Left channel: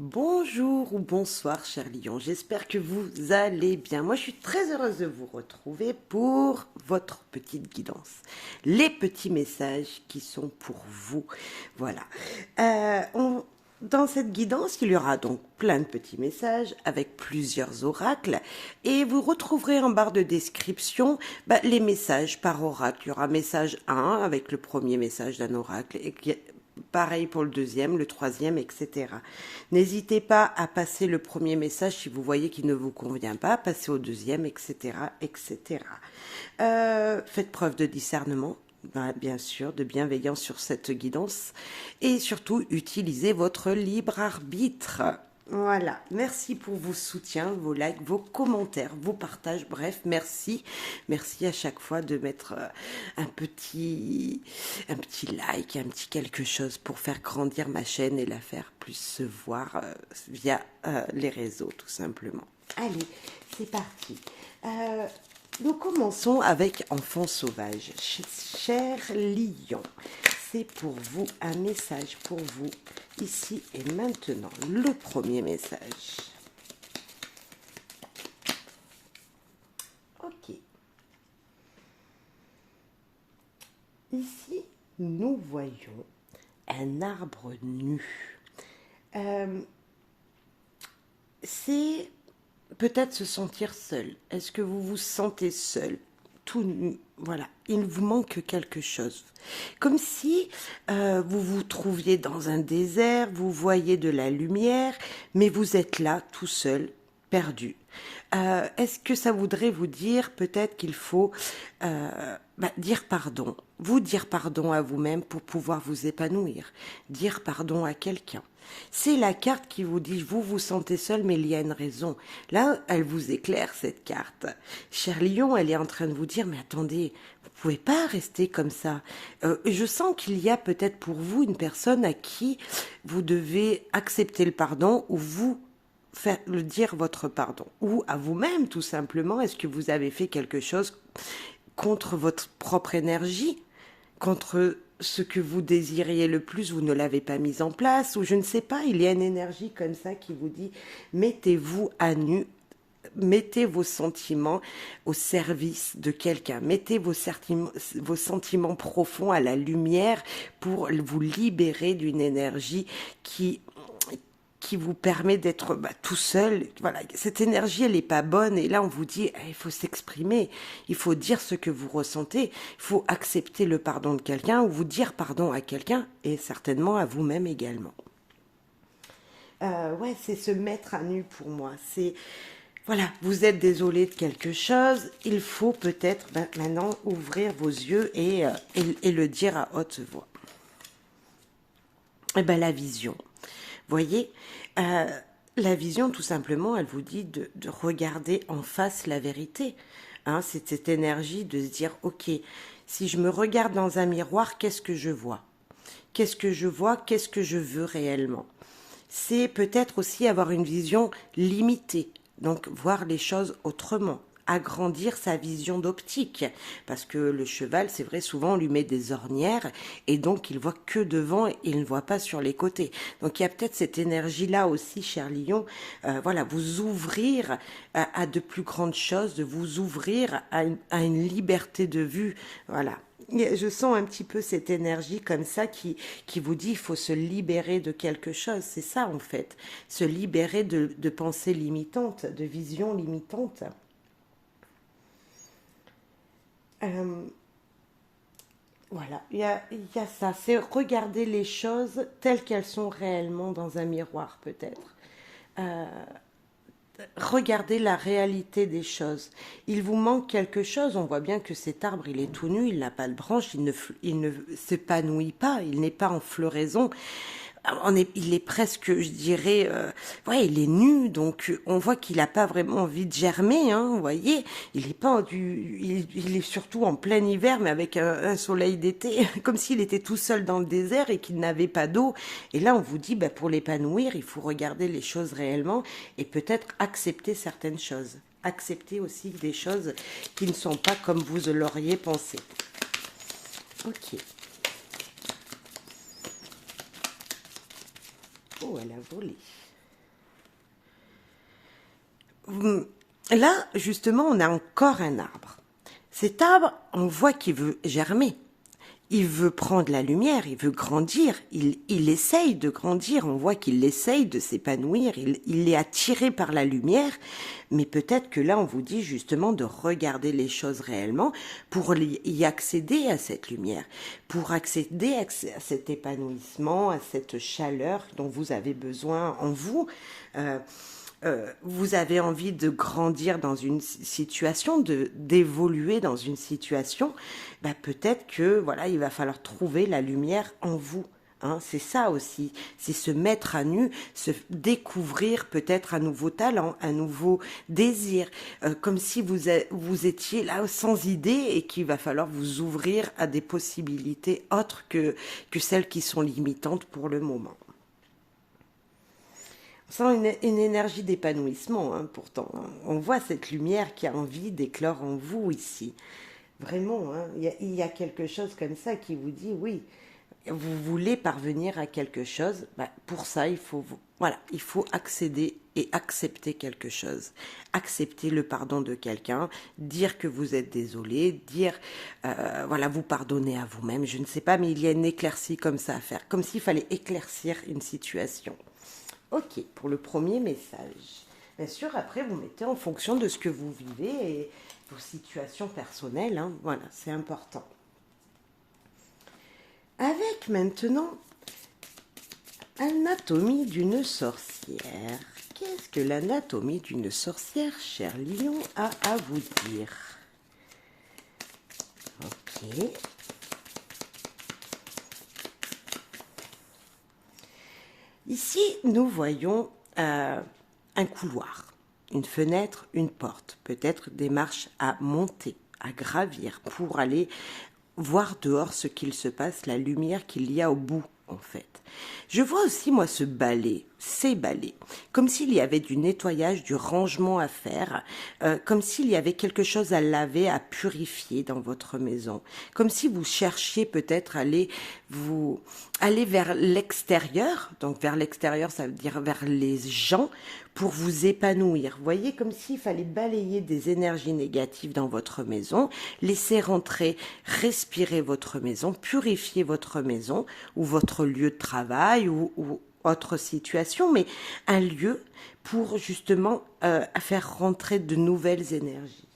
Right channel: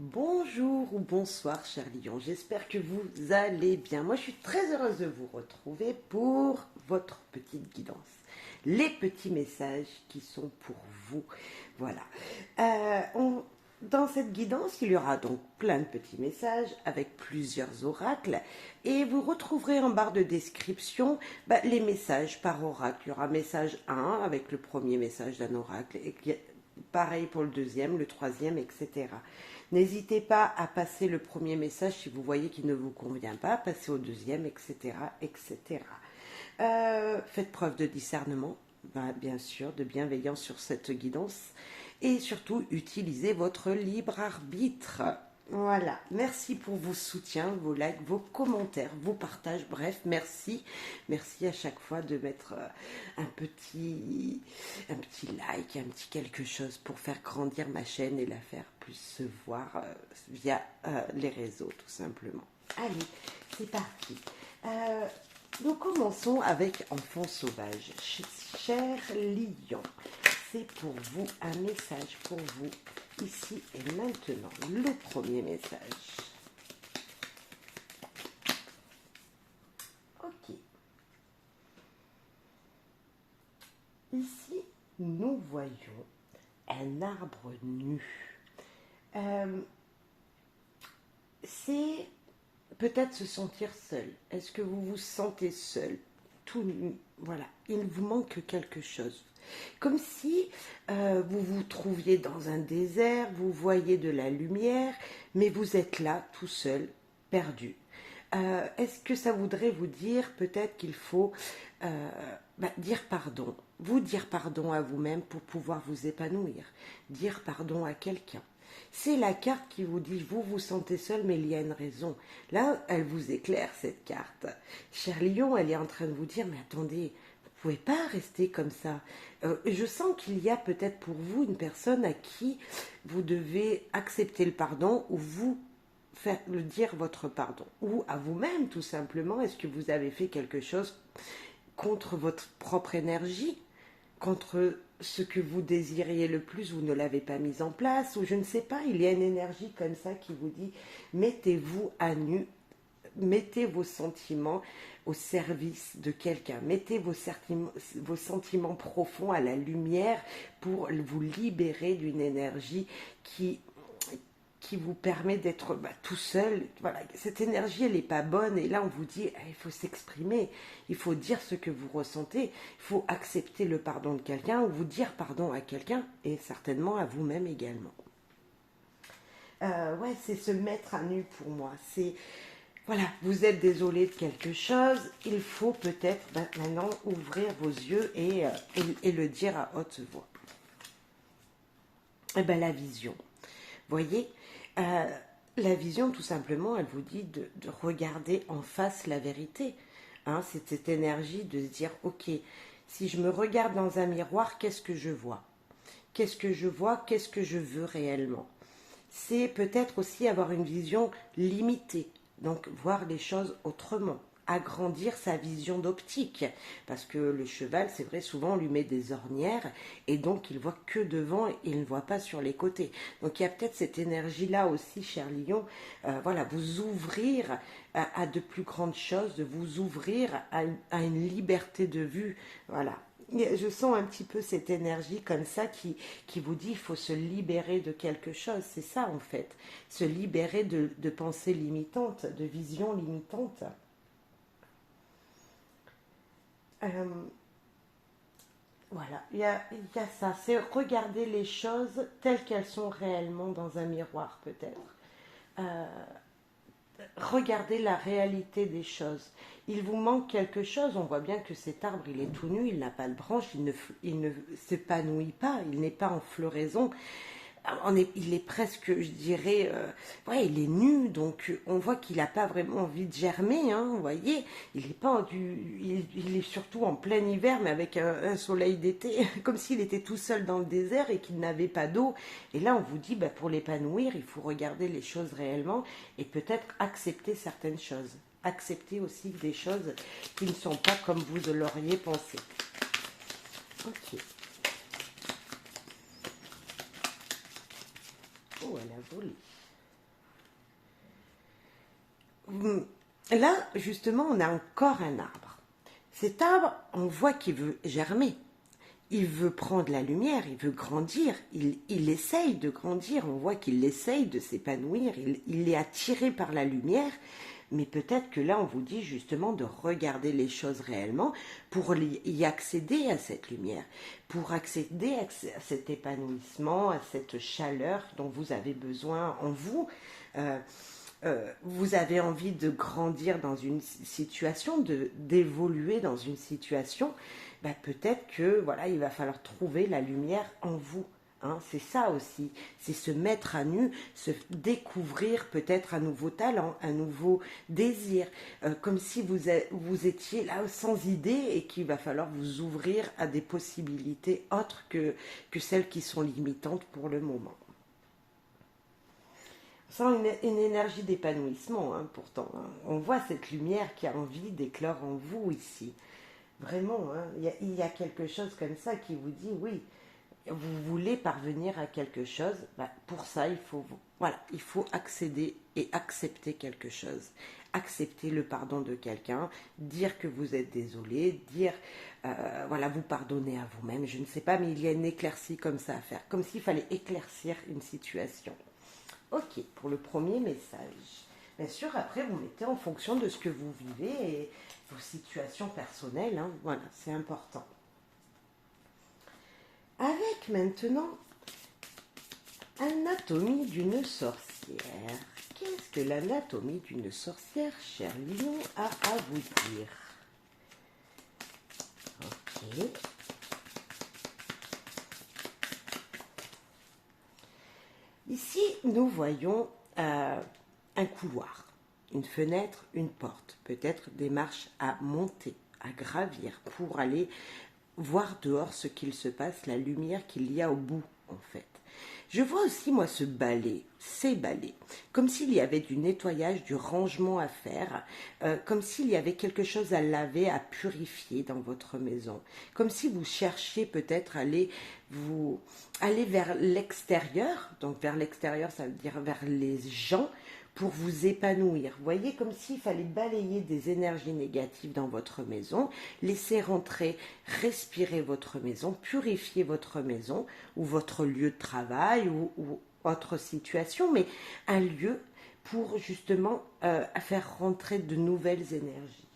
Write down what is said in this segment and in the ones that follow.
Bonjour ou bonsoir, cher lion. J'espère que vous allez bien. Moi, je suis très heureuse de vous retrouver pour votre petite guidance. Les petits messages qui sont pour vous. Voilà. Dans cette guidance, il y aura donc plein de petits messages avec plusieurs oracles et vous retrouverez en barre de description les messages par oracle. Il y aura message 1 avec le premier message d'un oracle et pareil pour le deuxième, le troisième, etc. N'hésitez pas à passer le premier message si vous voyez qu'il ne vous convient pas, passez au deuxième, etc. etc. Faites preuve de discernement, bien sûr, de bienveillance sur cette guidance et surtout utilisez votre libre arbitre. Voilà, merci pour vos soutiens, vos likes, vos commentaires, vos partages, bref, merci. Merci à chaque fois de mettre un petit like, un petit quelque chose pour faire grandir ma chaîne et la faire plus se voir via les réseaux, tout simplement. Allez, c'est parti. Nous commençons avec Enfant sauvage. Cher lion, c'est pour vous un message pour vous ici et maintenant. Le premier message. Ok. Ici, nous voyons un arbre nu. C'est peut-être se sentir seul. Est-ce que vous vous sentez seul, tout nu? Voilà, il vous manque quelque chose. Comme si vous vous trouviez dans un désert, vous voyez de la lumière, mais vous êtes là, tout seul, perdu. Est-ce que ça voudrait vous dire peut-être qu'il faut dire pardon, vous dire pardon à vous-même pour pouvoir vous épanouir, dire pardon à quelqu'un. C'est la carte qui vous dit, vous vous sentez seul, mais il y a une raison. Là, elle vous éclaire, cette carte. Cher lion, elle est en train de vous dire, mais attendez, vous pouvez pas rester comme ça. Je sens qu'il y a peut-être pour vous une personne à qui vous devez accepter le pardon ou vous faire le dire votre pardon. Ou à vous-même, tout simplement, est-ce que vous avez fait quelque chose contre votre propre énergie, contre ce que vous désiriez le plus, vous ne l'avez pas mis en place, ou je ne sais pas, il y a une énergie comme ça qui vous dit, mettez-vous à nu, mettez vos sentiments au service de quelqu'un, mettez vos sentiments profonds à la lumière pour vous libérer d'une énergie qui vous permet d'être tout seul. Voilà, cette énergie, elle n'est pas bonne. Et là, on vous dit, il faut s'exprimer, il faut dire ce que vous ressentez, il faut accepter le pardon de quelqu'un ou vous dire pardon à quelqu'un et certainement à vous-même également. Ouais, c'est se mettre à nu pour moi. C'est, voilà, vous êtes désolé de quelque chose, il faut peut-être maintenant ouvrir vos yeux et le dire à haute voix. Et la vision. Voyez, la vision, tout simplement, elle vous dit de regarder en face la vérité. Hein, c'est cette énergie de se dire, ok, si je me regarde dans un miroir, qu'est-ce que je vois? Qu'est-ce que je vois? Qu'est-ce que je veux réellement? C'est peut-être aussi avoir une vision limitée, donc voir les choses autrement, agrandir sa vision d'optique, parce que le cheval, c'est vrai, souvent on lui met des ornières et donc il voit que devant et il ne voit pas sur les côtés. Donc il y a peut-être cette énergie-là aussi, cher lion, voilà, vous ouvrir à de plus grandes choses, de vous ouvrir à une liberté de vue, voilà. Je sens un petit peu cette énergie comme ça qui vous dit il faut se libérer de quelque chose. C'est ça en fait. Se libérer de pensées limitantes, de visions limitantes. Voilà, il y a ça. C'est regarder les choses telles qu'elles sont réellement dans un miroir peut-être. Regardez la réalité des choses. Il vous manque quelque chose. On voit bien que cet arbre, il est tout nu, il n'a pas de branche, il ne s'épanouit pas, il n'est pas en floraison. Il est presque, je dirais, ouais, il est nu, donc on voit qu'il n'a pas vraiment envie de germer, hein, vous voyez. Il est pas il est surtout en plein hiver, mais avec un soleil d'été, comme s'il était tout seul dans le désert et qu'il n'avait pas d'eau. Et là, on vous dit, pour l'épanouir, il faut regarder les choses réellement et peut-être accepter certaines choses. Accepter aussi des choses qui ne sont pas comme vous l'auriez pensé. Ok. Oh, elle a volé. Là, justement, on a encore un arbre. Cet arbre, on voit qu'il veut germer. Il veut prendre la lumière, il veut grandir, il essaye de grandir, on voit qu'il essaye de s'épanouir, il est attiré par la lumière, mais peut-être que là on vous dit justement de regarder les choses réellement pour y accéder à cette lumière, pour accéder à cet épanouissement, à cette chaleur dont vous avez besoin en vous. Euh, vous avez envie de grandir dans une situation, d'évoluer dans une situation, bah peut-être que voilà, il va falloir trouver la lumière en vous. Hein, c'est ça aussi, c'est se mettre à nu, se découvrir peut-être un nouveau talent, un nouveau désir, comme si vous étiez là sans idée et qu'il va falloir vous ouvrir à des possibilités autres que celles qui sont limitantes pour le moment. On sent une énergie d'épanouissement, hein, pourtant. On voit cette lumière qui a envie d'éclore en vous ici. Vraiment, hein, il y a quelque chose comme ça qui vous dit, oui, vous voulez parvenir à quelque chose, bah, pour ça, voilà, il faut accéder et accepter quelque chose. Accepter le pardon de quelqu'un, dire que vous êtes désolé, dire, voilà, vous pardonner à vous-même, je ne sais pas, mais il y a une éclaircie comme ça à faire, comme s'il fallait éclaircir une situation. Ok, pour le premier message. Bien sûr, après, vous mettez en fonction de ce que vous vivez et vos situations personnelles. Hein, voilà, c'est important. Avec maintenant l'anatomie d'une sorcière. Qu'est-ce que l'anatomie d'une sorcière, cher Lion, a à vous dire? Ok. Ici, nous voyons un couloir, une fenêtre, une porte, peut-être des marches à monter, à gravir pour aller voir dehors ce qu'il se passe, la lumière qu'il y a au bout, en fait. Je vois aussi, moi, ce balai, ces balais, comme s'il y avait du nettoyage, du rangement à faire, comme s'il y avait quelque chose à laver, à purifier dans votre maison, comme si vous cherchiez peut-être aller vers l'extérieur, donc vers l'extérieur, ça veut dire vers les gens, pour vous épanouir. Vous voyez, comme s'il fallait balayer des énergies négatives dans votre maison, laisser rentrer, respirer votre maison, purifier votre maison ou votre lieu de travail ou autre situation, mais un lieu pour justement faire rentrer de nouvelles énergies.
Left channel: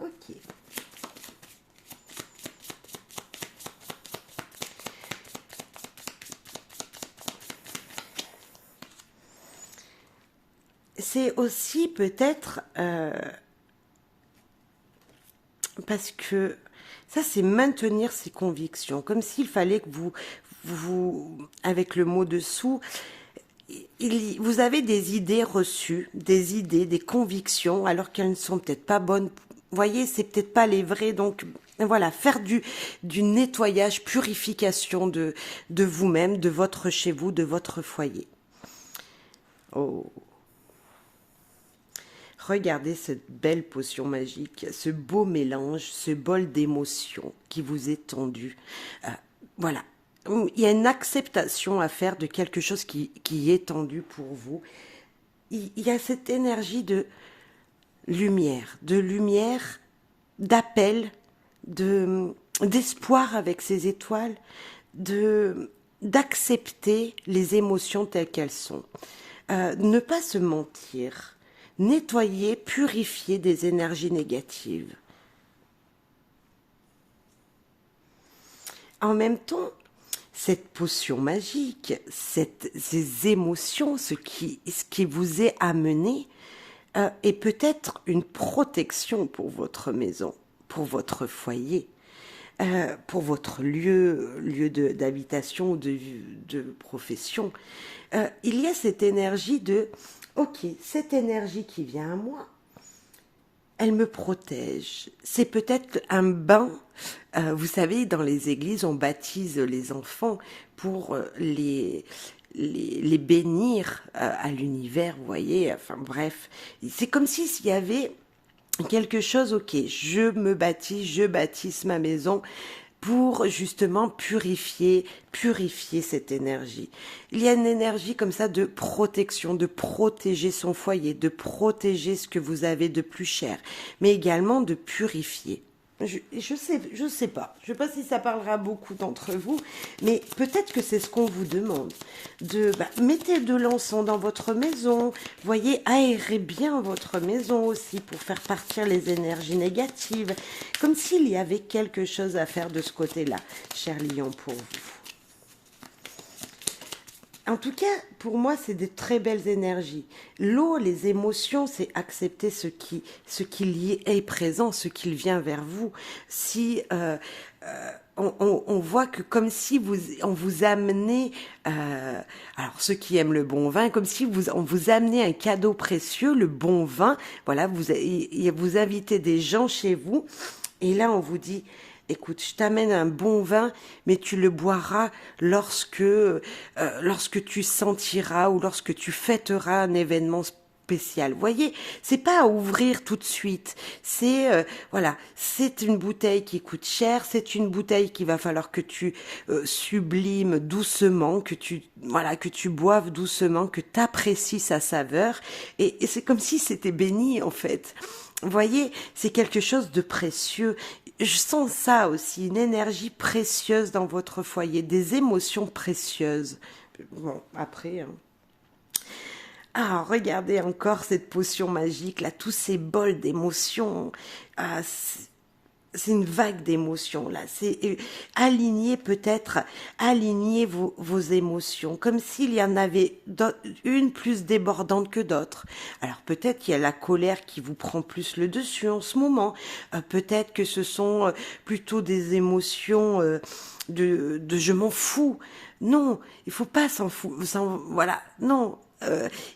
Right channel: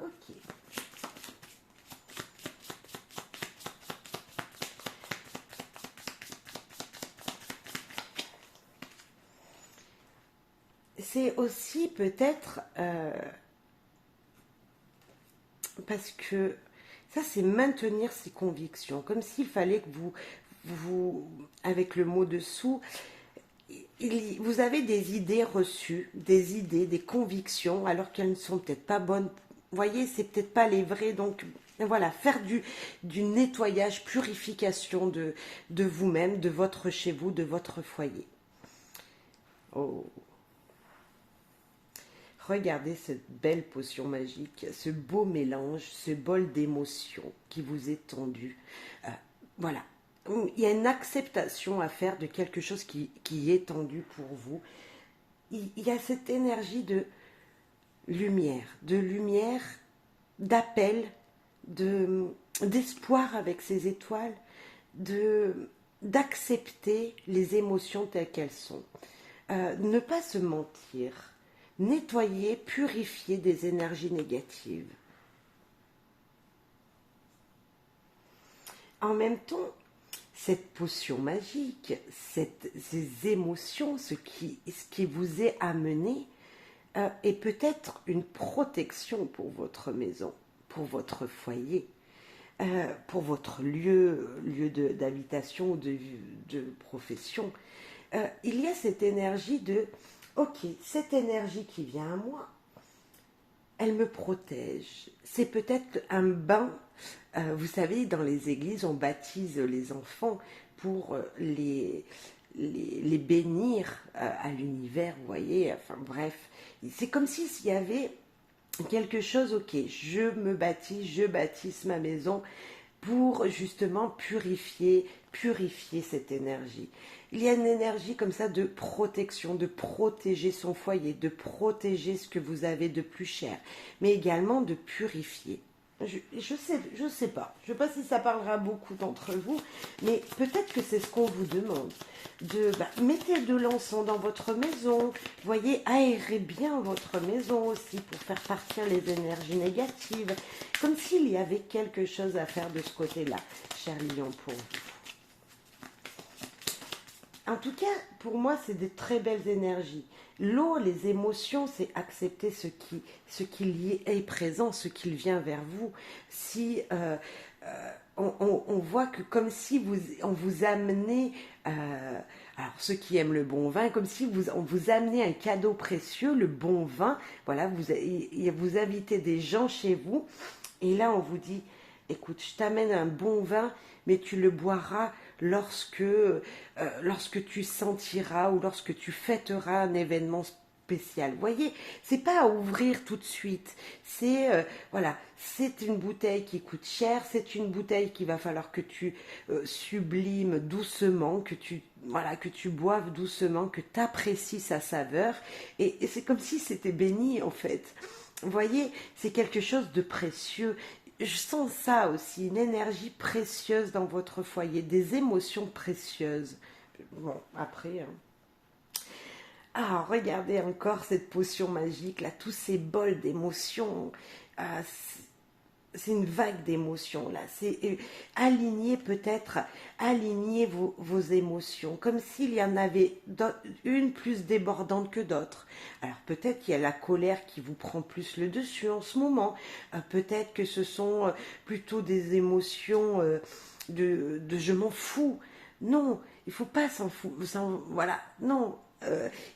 Ok. C'est aussi peut-être parce que ça, c'est maintenir ses convictions, comme s'il fallait que avec le mot dessous, vous avez des idées reçues, des idées, des convictions, alors qu'elles ne sont peut-être pas bonnes. Vous voyez, c'est peut-être pas les vraies, donc voilà, faire du nettoyage, purification de vous-même, de votre chez vous, de votre foyer. Oh. Regardez cette belle potion magique, ce beau mélange, ce bol d'émotions qui vous est tendu. Voilà. Il y a une acceptation à faire de quelque chose qui est tendu pour vous. Il y a cette énergie de lumière, d'appel, d'espoir avec ces étoiles, d'accepter les émotions telles qu'elles sont. Ne pas se mentir, nettoyer, purifier des énergies négatives. En même temps, cette potion magique, ces émotions, ce qui vous est amené, est peut-être une protection pour votre maison, pour votre foyer, pour votre lieu d'habitation ou de profession. Il y a cette énergie ok, cette énergie qui vient à moi, elle me protège. C'est peut-être un bain. Vous savez, dans les églises, on baptise les enfants pour les bénir à l'univers, vous voyez. Enfin bref, c'est comme s'il y avait quelque chose, ok, je me baptise, je baptise ma maison pour justement purifier cette énergie. Il y a une énergie comme ça de protection, de protéger son foyer, de protéger ce que vous avez de plus cher, mais également de purifier. Je sais pas. Je sais pas si ça parlera à beaucoup d'entre vous, mais peut-être que c'est ce qu'on vous demande. Mettez de l'encens dans votre maison. Voyez, aérez bien votre maison aussi pour faire partir les énergies négatives. Comme s'il y avait quelque chose à faire de ce côté-là, cher Lion, pour vous. En tout cas, pour moi, c'est des très belles énergies. L'eau, les émotions, c'est accepter ce qui y est présent, ce qui vient vers vous. Si on voit que comme si on vous amenait, alors ceux qui aiment le bon vin, comme si on vous amenait un cadeau précieux, le bon vin. Voilà, vous invitez des gens chez vous, et là on vous dit, écoute, je t'amène un bon vin, mais tu le boiras lorsque tu sentiras ou lorsque tu fêteras un événement spécial. Voyez, c'est pas à ouvrir tout de suite. Voilà, c'est une bouteille qui coûte cher, c'est une bouteille qu'il va falloir que tu sublimes doucement, que tu boives doucement, que tu apprécies sa saveur. Et c'est comme si c'était béni en fait. Vous voyez, c'est quelque chose de précieux. Je sens ça aussi, une énergie précieuse dans votre foyer, des émotions précieuses. Bon, après... Ah, regardez encore cette potion magique, là, tous ces bols d'émotions. Ah, c'est une vague d'émotions, là. C'est aligner peut-être, aligner vos émotions, comme s'il y en avait une plus débordante que d'autres. Alors peut-être qu'il y a la colère qui vous prend plus le dessus en ce moment. Peut-être que ce sont plutôt des émotions de je m'en fous. Non, il faut pas s'en foutre. Voilà, non.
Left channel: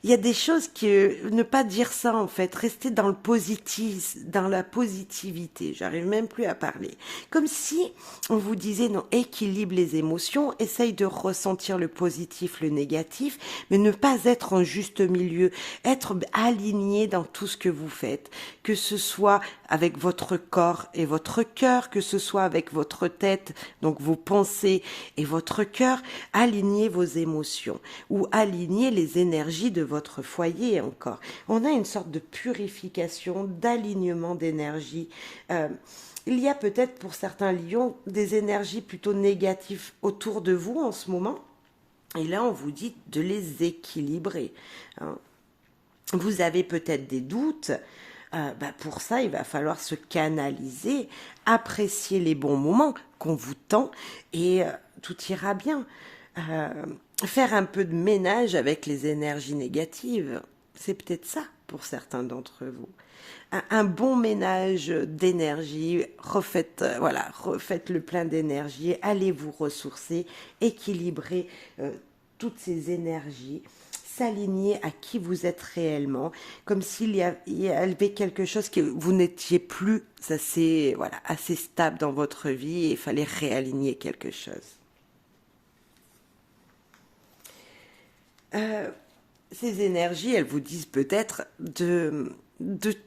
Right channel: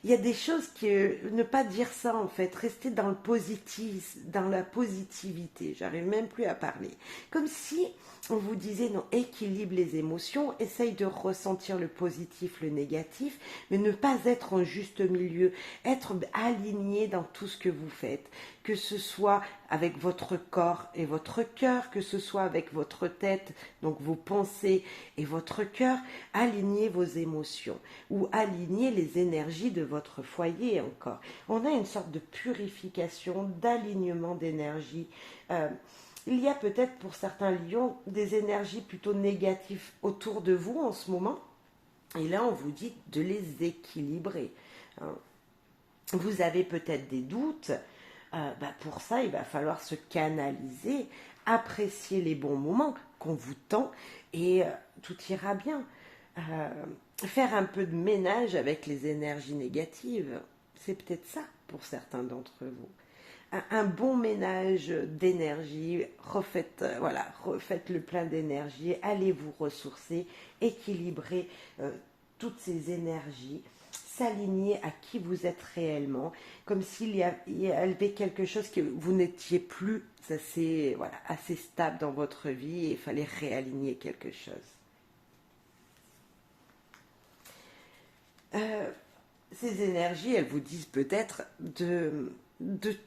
Il y a des choses ne pas dire ça en fait, rester dans le positif, dans la positivité. J'arrive même plus à parler. Comme si on vous disait non, équilibre les émotions, essaye de ressentir le positif, le négatif, mais ne pas être en juste milieu, être aligné dans tout ce que vous faites, que ce soit avec votre corps et votre cœur, que ce soit avec votre tête, donc vos pensées et votre cœur, alignez vos émotions ou alignez les énergies de votre foyer encore. On a une sorte de purification, d'alignement d'énergie. Il y a peut-être pour certains lions des énergies plutôt négatives autour de vous en ce moment. Et là, on vous dit de les équilibrer. Vous avez peut-être des doutes. Pour ça, il va falloir se canaliser, apprécier les bons moments qu'on vous tend et tout ira bien. Faire un peu de ménage avec les énergies négatives, c'est peut-être ça pour certains d'entre vous. Un bon ménage d'énergie, refaites le plein d'énergie, allez vous ressourcer, équilibrer toutes ces énergies, s'aligner à qui vous êtes réellement, comme s'il y avait quelque chose que vous n'étiez plus assez stable dans votre vie et il fallait réaligner quelque chose. Ces énergies, elles vous disent peut-être de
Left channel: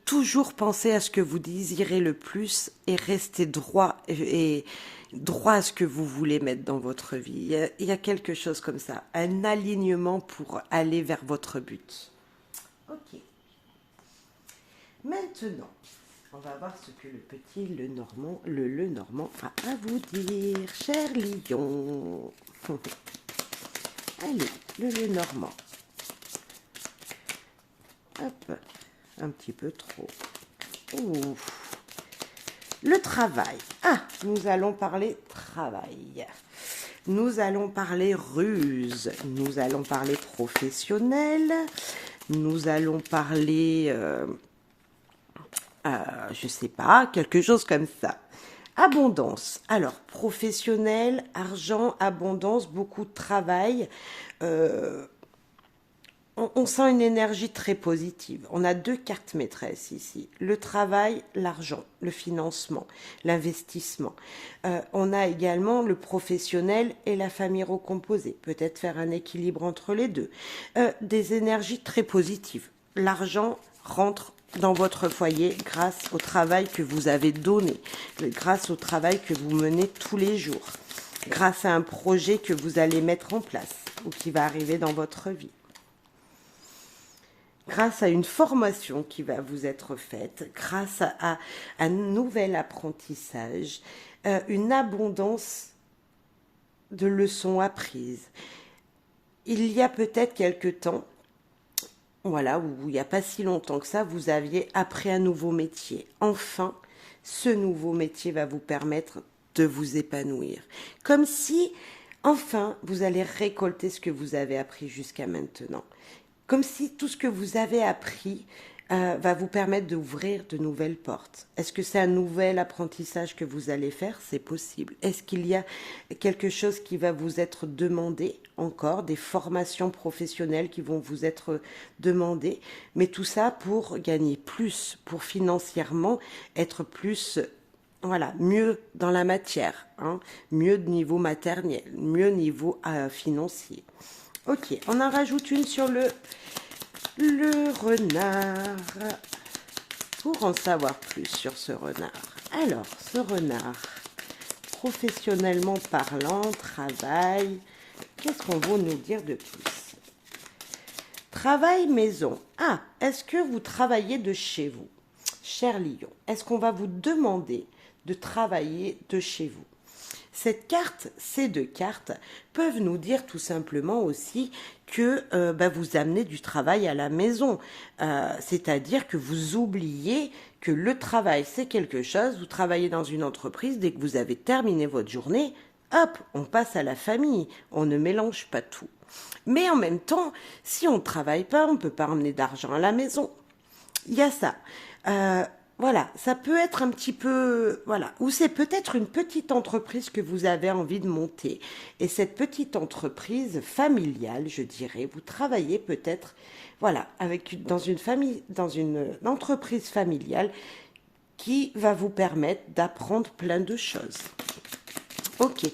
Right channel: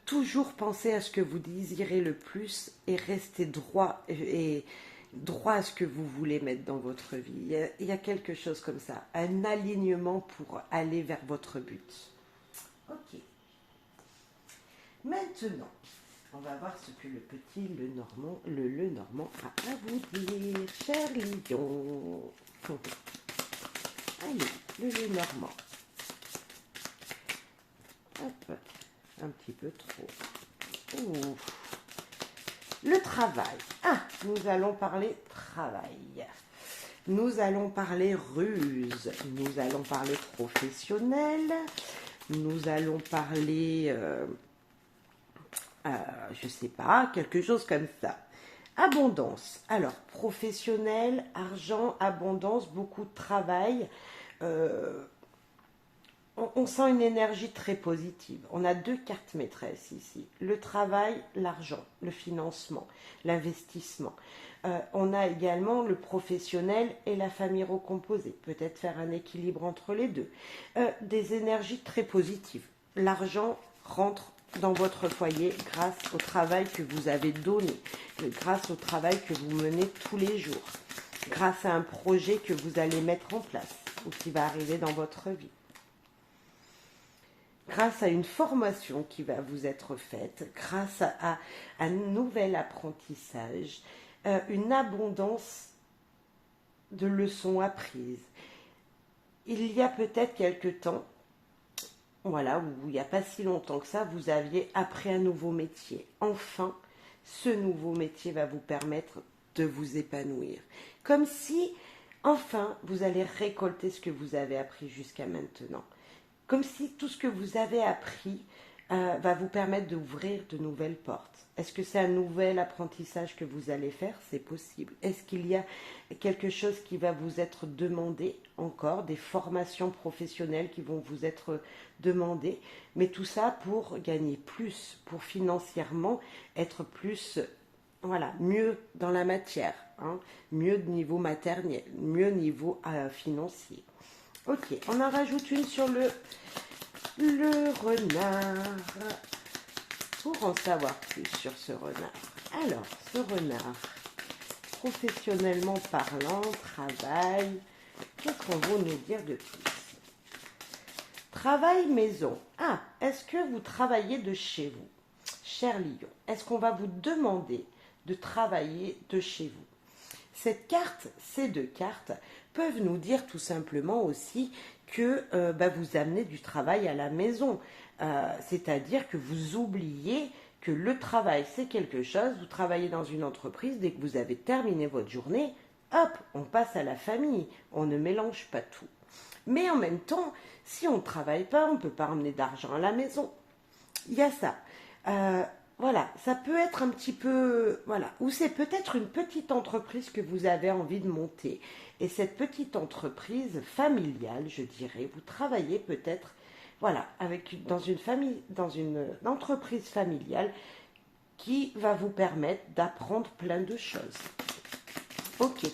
toujours penser à ce que vous désirez le plus et rester droit à ce que vous voulez mettre dans votre vie. Il y a quelque chose comme ça, un alignement pour aller vers votre but. Ok. Maintenant, on va voir ce que le petit le Normand a à vous dire, cher lion. Allez, le Normand. Hop, un petit peu trop. Ouf. Le travail. Ah, nous allons parler travail. Nous allons parler ruse. Nous allons parler professionnel. Nous allons parler, je sais pas, quelque chose comme ça. Abondance. Alors, professionnel, argent, abondance, beaucoup de travail. On sent une énergie très positive. On a deux cartes maîtresses ici. Le travail, l'argent, le financement, l'investissement. On a également le professionnel et la famille recomposée. Peut-être faire un équilibre entre les deux. Des énergies très positives. L'argent rentre dans votre foyer grâce au travail que vous avez donné, grâce au travail que vous menez tous les jours, grâce à un projet que vous allez mettre en place ou qui va arriver dans votre vie, grâce à une formation qui va vous être faite, grâce à un nouvel apprentissage, une abondance de leçons apprises. Il y a peut-être quelque temps, voilà, où il n'y a pas si longtemps que ça, vous aviez appris un nouveau métier. Enfin, ce nouveau métier va vous permettre de vous épanouir. Comme si, enfin, vous allez récolter ce que vous avez appris jusqu'à maintenant. Comme si tout ce que vous avez appris va vous permettre d'ouvrir de nouvelles portes. Est-ce que c'est un nouvel apprentissage que vous allez faire? C'est possible. Est-ce qu'il y a quelque chose qui va vous être demandé encore, des formations professionnelles qui vont vous être demandées? Mais tout ça pour gagner plus, pour financièrement être plus, voilà, mieux dans la matière, hein, mieux de niveau matériel, mieux niveau financier. Ok, on en rajoute une sur le renard. Pour en savoir plus sur ce renard. Alors, ce renard, professionnellement parlant, travail, qu'est-ce qu'on va nous dire de plus? Travail maison. Ah, est-ce que vous travaillez de chez vous? Cher Lion, est-ce qu'on va vous demander de travailler de chez vous? Cette carte, ces deux cartes, peuvent nous dire tout simplement aussi que vous amenez du travail à la maison. C'est-à-dire que vous oubliez que le travail, c'est quelque chose. Vous travaillez dans une entreprise, dès que vous avez terminé votre journée, hop, on passe à la famille. On ne mélange pas tout. Mais en même temps, si on ne travaille pas, on ne peut pas emmener d'argent à la maison. Il y a ça. Voilà, ça peut être un petit peu, voilà, ou c'est peut-être une petite entreprise que vous avez envie de monter. Et cette petite entreprise familiale, je dirais, vous travaillez peut-être, voilà, dans une famille, dans une entreprise familiale qui va vous permettre d'apprendre plein de choses. Ok.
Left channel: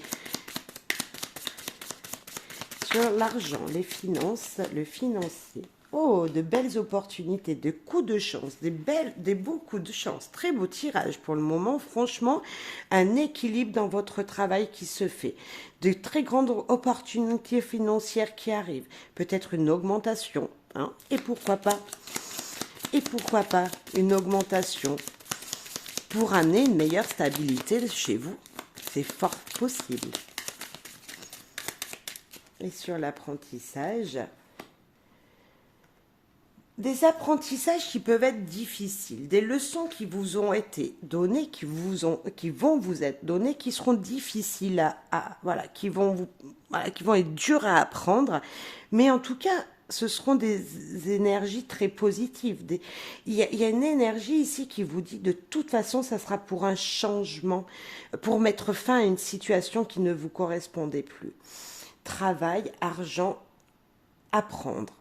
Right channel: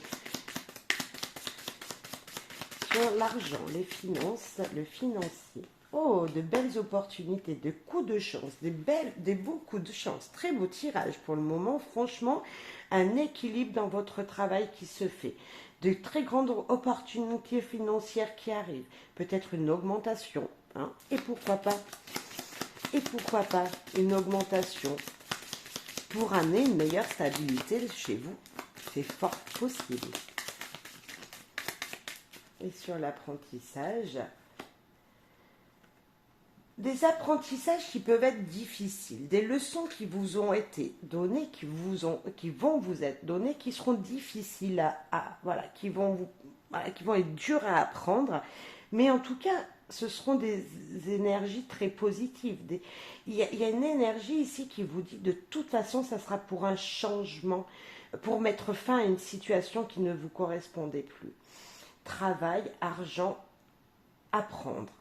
Sur l'argent, les finances, le financier. Oh, de belles opportunités, de coups de chance, des beaux coups de chance. Très beau tirage pour le moment. Franchement, un équilibre dans votre travail qui se fait. De très grandes opportunités financières qui arrivent. Peut-être une augmentation. Hein, et pourquoi pas une augmentation pour amener une meilleure stabilité chez vous. C'est fort possible. Et sur l'apprentissage, des apprentissages qui peuvent être difficiles, des leçons qui vous ont été données, qui vont vous être données, qui seront difficiles voilà, qui vont être dures à apprendre, mais en tout cas, ce seront des énergies très positives. Il y a une énergie ici qui vous dit de toute façon, ça sera pour un changement, pour mettre fin à une situation qui ne vous correspondait plus. Travail, argent, apprendre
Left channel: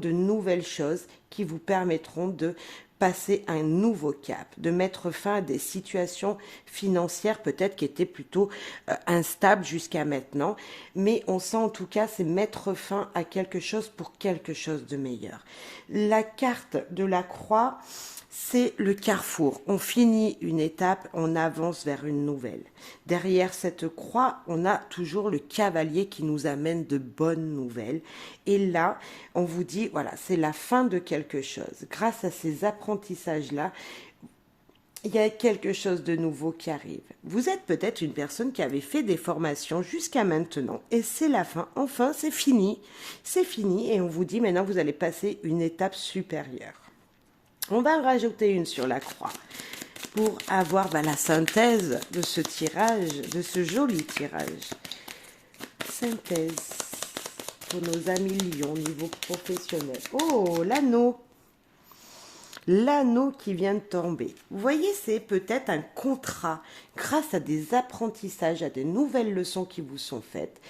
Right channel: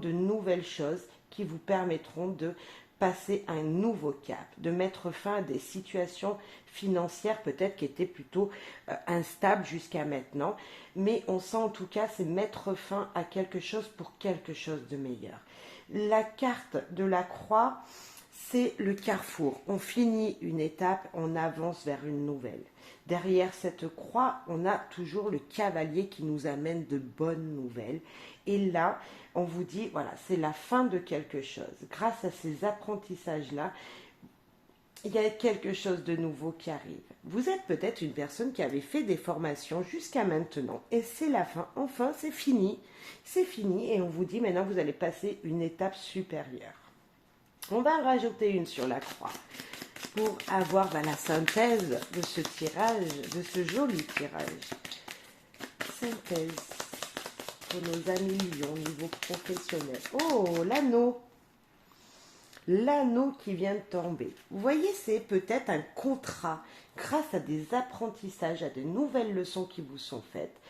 de nouvelles choses qui vous permettront de passer un nouveau cap, de mettre fin à des situations financières peut-être qui étaient plutôt instables jusqu'à maintenant, mais on sent en tout cas c'est mettre fin à quelque chose pour quelque chose de meilleur. La carte de la croix, c'est le carrefour. On finit une étape, on avance vers une nouvelle. Derrière cette croix, on a toujours le cavalier qui nous amène de bonnes nouvelles. Et là, on vous dit, voilà, c'est la fin de quelque chose. Grâce à ces apprentissages-là, il y a quelque chose de nouveau qui arrive. Vous êtes peut-être une personne qui avait fait des formations jusqu'à maintenant et c'est la fin. Enfin, c'est fini. C'est fini et on vous dit maintenant vous allez passer une étape supérieure. On va rajouter une sur la croix pour avoir la synthèse de ce tirage, de ce joli tirage. Synthèse pour nos amis lions au niveau professionnel. Oh, l'anneau! L'anneau qui vient de tomber. Vous voyez, c'est peut-être un contrat grâce à des apprentissages, à de nouvelles leçons qui vous sont faites,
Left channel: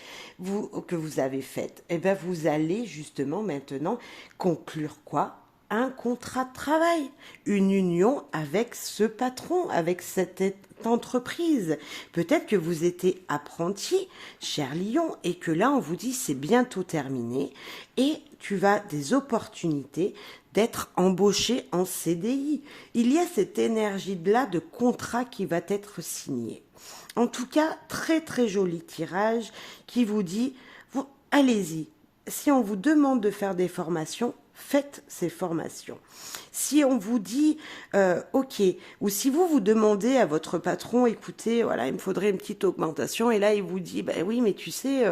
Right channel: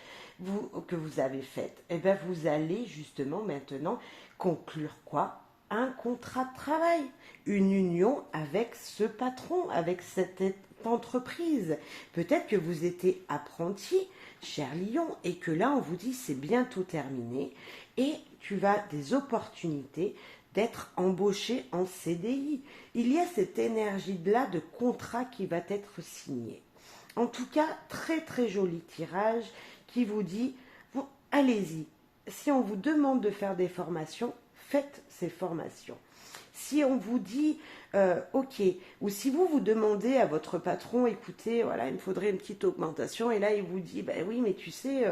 que vous avez faites. Et bien, vous allez justement maintenant conclure quoi? Un contrat de travail, une union avec ce patron, avec cette entreprise. Peut-être que vous étiez apprenti, cher Lion, et que là on vous dit c'est bientôt terminé et tu vas des opportunités d'être embauché en CDI. Il y a cette énergie-là de contrat qui va être signé. En tout cas, très très joli tirage qui vous dit, allez-y, si on vous demande de faire des formations, faites ces formations. Si on vous dit, ok, ou si vous vous demandez à votre patron, écoutez, voilà, il me faudrait une petite augmentation, et là il vous dit, ben oui, mais tu sais,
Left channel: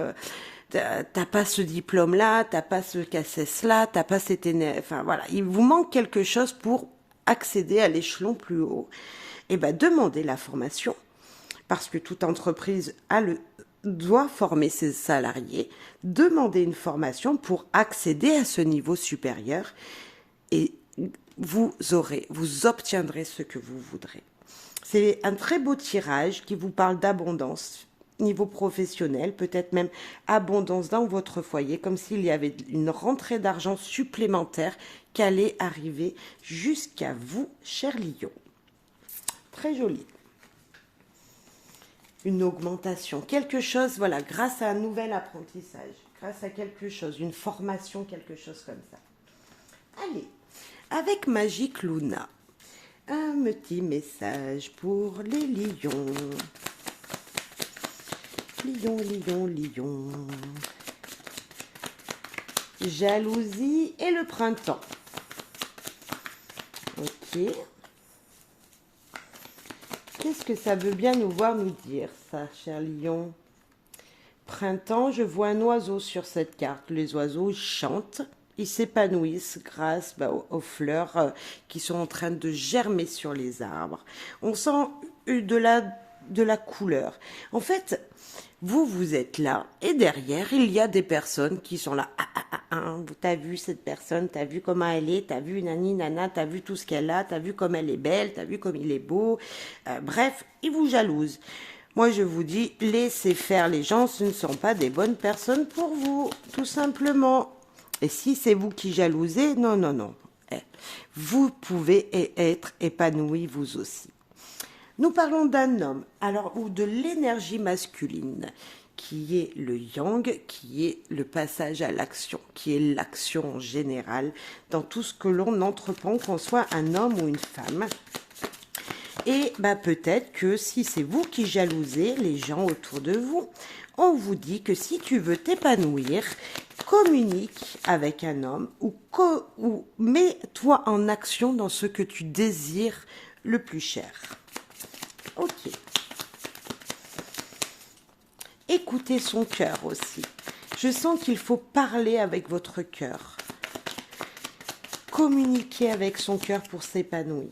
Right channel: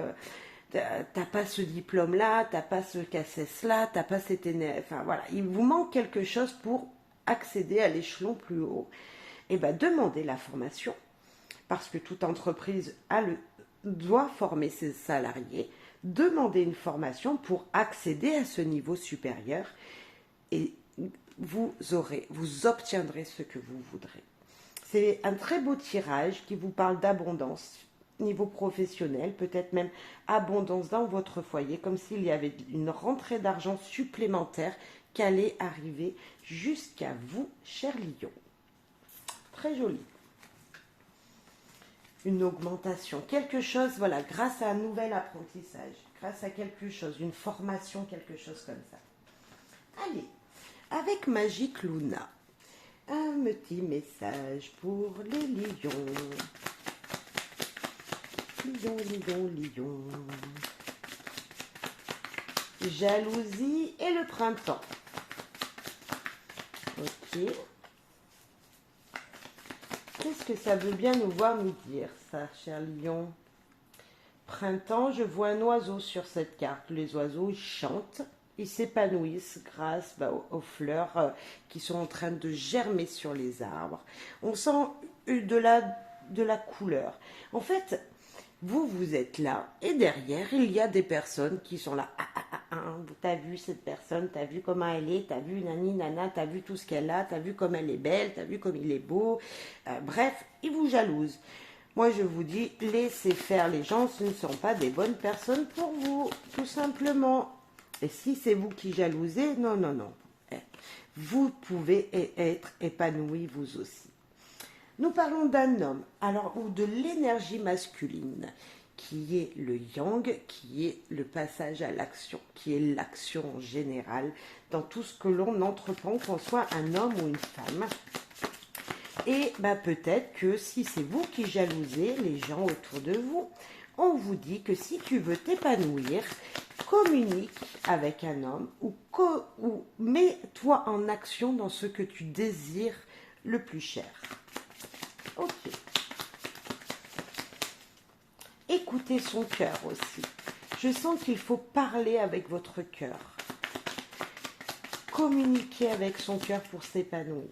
t'as pas ce diplôme-là, t'as pas ce CACES-là, t'as pas cette enfin voilà, il vous manque quelque chose pour accéder à l'échelon plus haut. Et ben demandez la formation, parce que toute entreprise doit former ses salariés, demandez une formation pour accéder à ce niveau supérieur et vous obtiendrez ce que vous voudrez. C'est un très beau tirage qui vous parle d'abondance, niveau professionnel, peut-être même abondance dans votre foyer, comme s'il y avait une rentrée d'argent supplémentaire qui allait arriver jusqu'à vous, cher lion. Très joli. Une augmentation, quelque chose, voilà, grâce à un nouvel apprentissage, grâce à quelque chose, une formation, quelque chose comme ça. Allez, avec Magique Luna, un petit message pour les lions. Lion, lion, lion. Jalousie et le printemps. Ok. Qu'est-ce que ça veut bien nous voir nous dire, ça, cher lion? Printemps, je vois un oiseau sur cette carte. Les oiseaux, ils chantent, ils s'épanouissent grâce aux fleurs qui sont en train de germer sur les arbres. On sent de la couleur. En fait, vous êtes là et derrière, il y a des personnes qui sont là. T'as vu cette personne, t'as vu comment elle est, t'as vu nani nana, t'as vu tout ce qu'elle a, t'as vu comme elle est belle, t'as vu comme il est beau. Bref, ils vous jalousent. Moi, je vous dis, laissez faire les gens, ce ne sont pas des bonnes personnes pour vous, tout simplement. Et si c'est vous qui jalousez, non, non, non. Vous pouvez être épanoui vous aussi. Nous parlons d'un homme, alors, ou de l'énergie masculine, qui est le yang, qui est le passage à l'action, qui est l'action en général dans tout ce que l'on entreprend, qu'on soit un homme ou une femme. Et peut-être que si c'est vous qui jalousez les gens autour de vous, on vous dit que si tu veux t'épanouir, communique avec un homme ou mets-toi en action dans ce que tu désires le plus cher. Ok. Écoutez son cœur aussi. Je sens qu'il faut parler avec votre cœur. Communiquer avec son cœur pour s'épanouir.